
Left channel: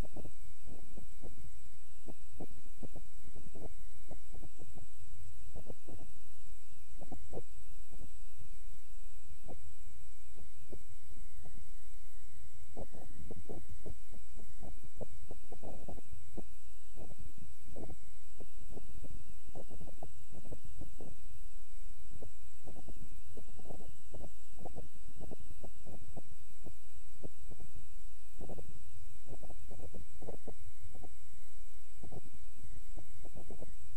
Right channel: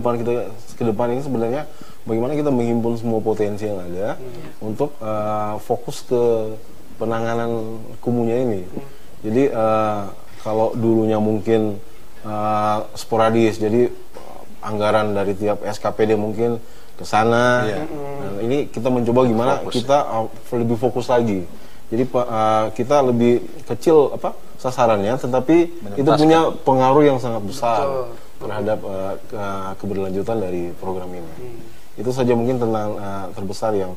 ke depan ini sebenarnya bagaimana kita menghimpun semua potensi yang ada untuk fokus ke penanganan kumuhnya ini. Jadi kalau dulunya mungkin sporadis, jadi anggaran dari tiap SKPD mungkin ke sana. Nah, ini kita mencoba gimana kita lebih fokus lagi. Jadi kita lebih kecil sasarannya, tetapi itu punya pengaruh yang sangat besar terhadap keberlanjutan dari program ini. Itu saja mungkin tentang terbesar yang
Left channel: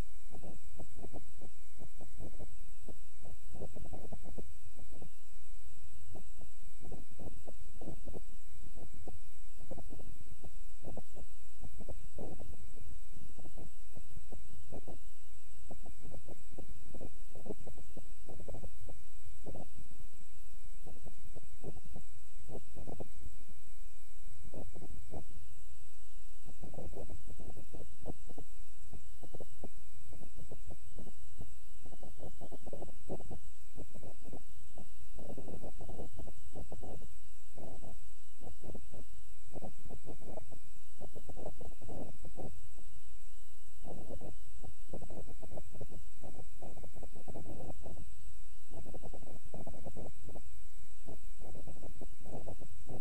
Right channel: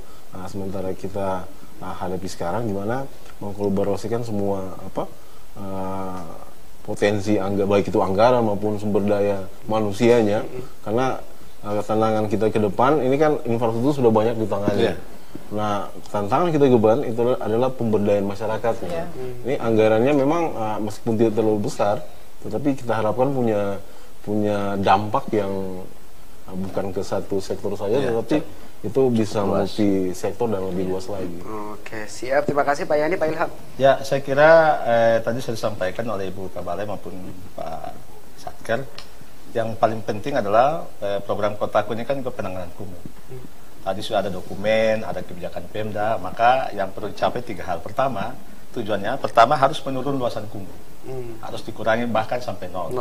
sementara kita hadapi sekarang, gimana mengkolaborasikan semua potensi baik itu anggaran maupun sumber daya manusianya, karena tantangan kita ke depan ini kan infrastruktur sudah banyak ditangani. Nah, tantangan kita ke depan itu adalah pemberdayaan masyarakatnya. Ini anggarannya memang meskipun tidak terlalu besar, tetapi kita harapkan punya dampak yang bukan ke satu sektor saja, tetapi itu bisa multi sektor dan lebih luas lagi. Oke, siap. Terima kasih Pak Yani, Pak Ilham. Ya, saya kira tadi sudah disampaikan oleh Ibu Kabalai maupun Pak Satker. Yang paling penting adalah program Kotaku ini kan juga penanganan kumuh. Tadi sudah ada dokumen, ada kebijakan Pemda, maka yang perlu dicapai 3 hal. Pertama, tujuannya harus menurun luasan kumuh. Harus dikurangi bahkan sampai 0.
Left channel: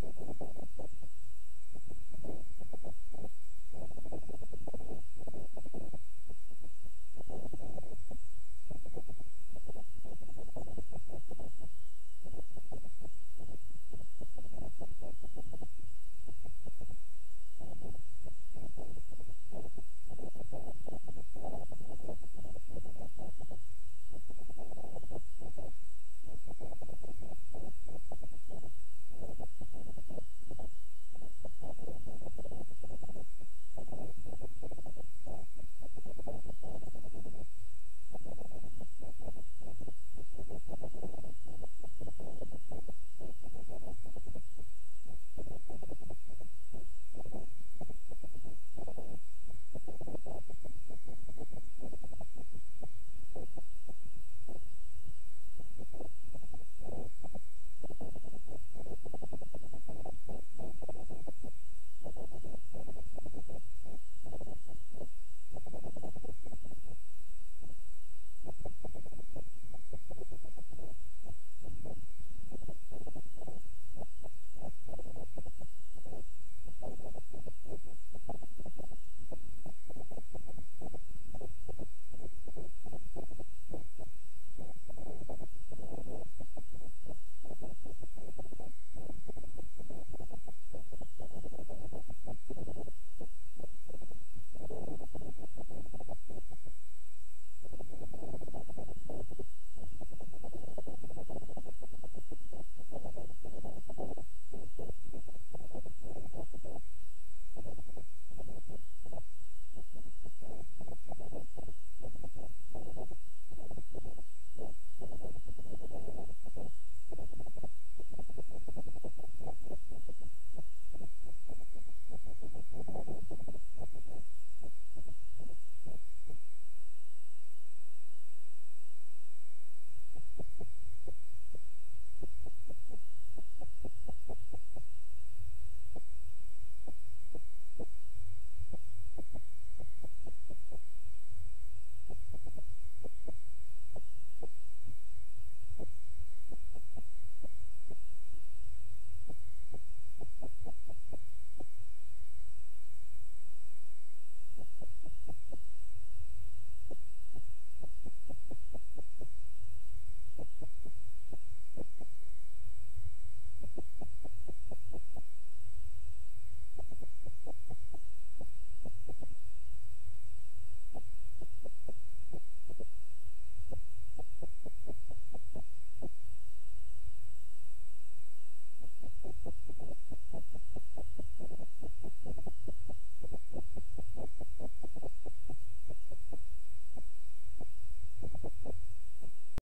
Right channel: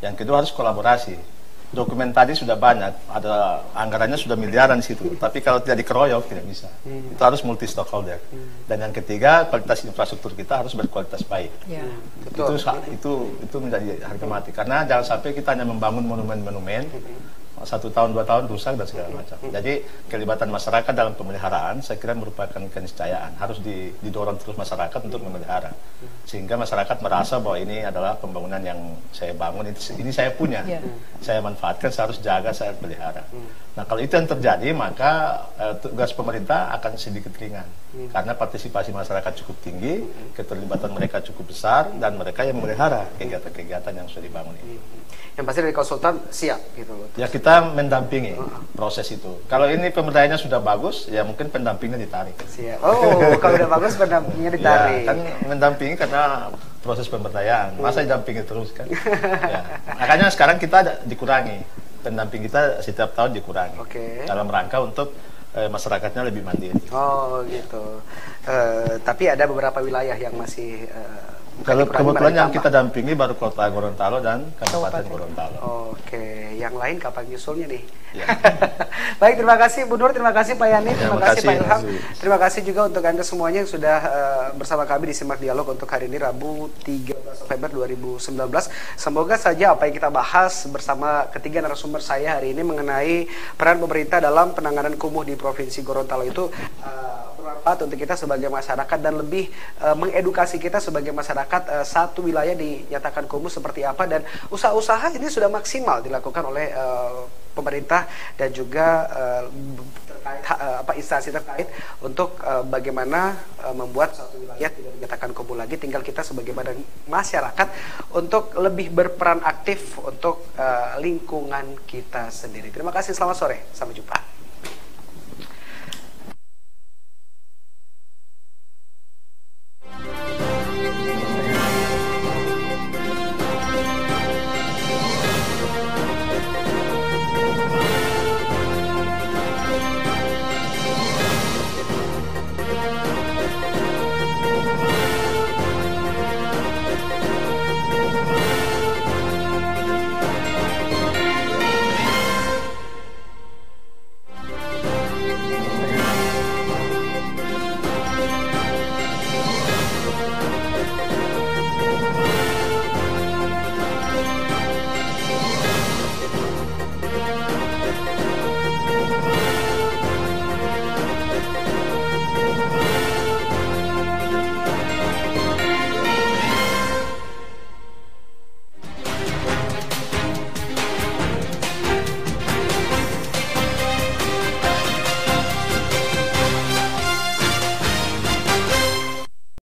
Yang kedua harus kolaborasi. Dokumen tadi sudah banyak, ada anggarannya sudah miliaran di situ, tapi kalau tidak dikeroyok tidak bisa. Itu harus multi stakeholder. Dan yang ketiga, kualitas infrastruktur kita harus berkualitas baik. Itu menjadi harga mati, karena jangan sampai kita hanya membangun monumen-monumen 1 tahun 2 tahun rusak dan segala macam. Jadi kelibatan masyarakat dalam pemeliharaan saya kira merupakan keniscayaan, harus didorong terus masyarakat untuk memelihara, sehingga masyarakat merasa bahwa ini adalah pembangunan yang saya bangun, ini saya punya, saya manfaatkan, saya harus jaga, saya harus pelihara. Nah, kalau itu yang terjadi, maka tugas pemerintah akan sedikit ringan, karena partisipasi masyarakat cukup tinggi, keterlibatan mereka cukup besar, dan mereka yang memelihara kegiatan-kegiatan yang sudah dibangun ini. Yang pasti dari konsultan siap gitu loh. Ya, kita mendampingi proses itu. Kalau ini pemberdayaannya sudah bagus, ya mungkin pendampingnya ditarik. Siap. Oh, kalau udah bagus pendampingnya ditarik. Ya, kan mendampingi karena proses pemberdayaan. Masa didampingi terus kan? Ya. Makanya sekarang kita dikurangi. Pendamping kita setiap tahun dikurangi. Dalam rangka untuk masyarakatnya lebih mandiri. Oh, gitu. Tapi ada beberapa wilayah yang masih kalau kebetulan yang kita dampingi baru Kota Gorontalo dan Kabupaten Gorontalo. Oke, yang lain kapan nyusulnya nih? Baik, terima kasih Bu Nur, terima kasih Pak Yani, terima kasih Pak Ilham. Terima kasih juga untuk Anda semuanya yang sudah bersama kami di Simak Dialog untuk hari ini Rabu 13 November 2019. Semoga saja apa yang kita bahas bersama ketiga narasumber saya hari ini mengenai peran pemerintah dalam penanganan kumuh di Provinsi Gorontalo itu bermanfaat untuk kita sebagai masyarakat dan lebih mengedukasi kita sebagai masyarakat satu wilayah dinyatakan kumuh seperti apa, dan usaha-usaha ini sudah maksimal dilakukan oleh pemerintah dan juga instansi terkait untuk bagaimana membuat suatu wilayah tidak dinyatakan kumuh lagi. Tinggal kita sebagai masyarakat untuk lebih berperan aktif untuk lingkungan kita sendiri. Terima kasih, selamat sore, sampai jumpa.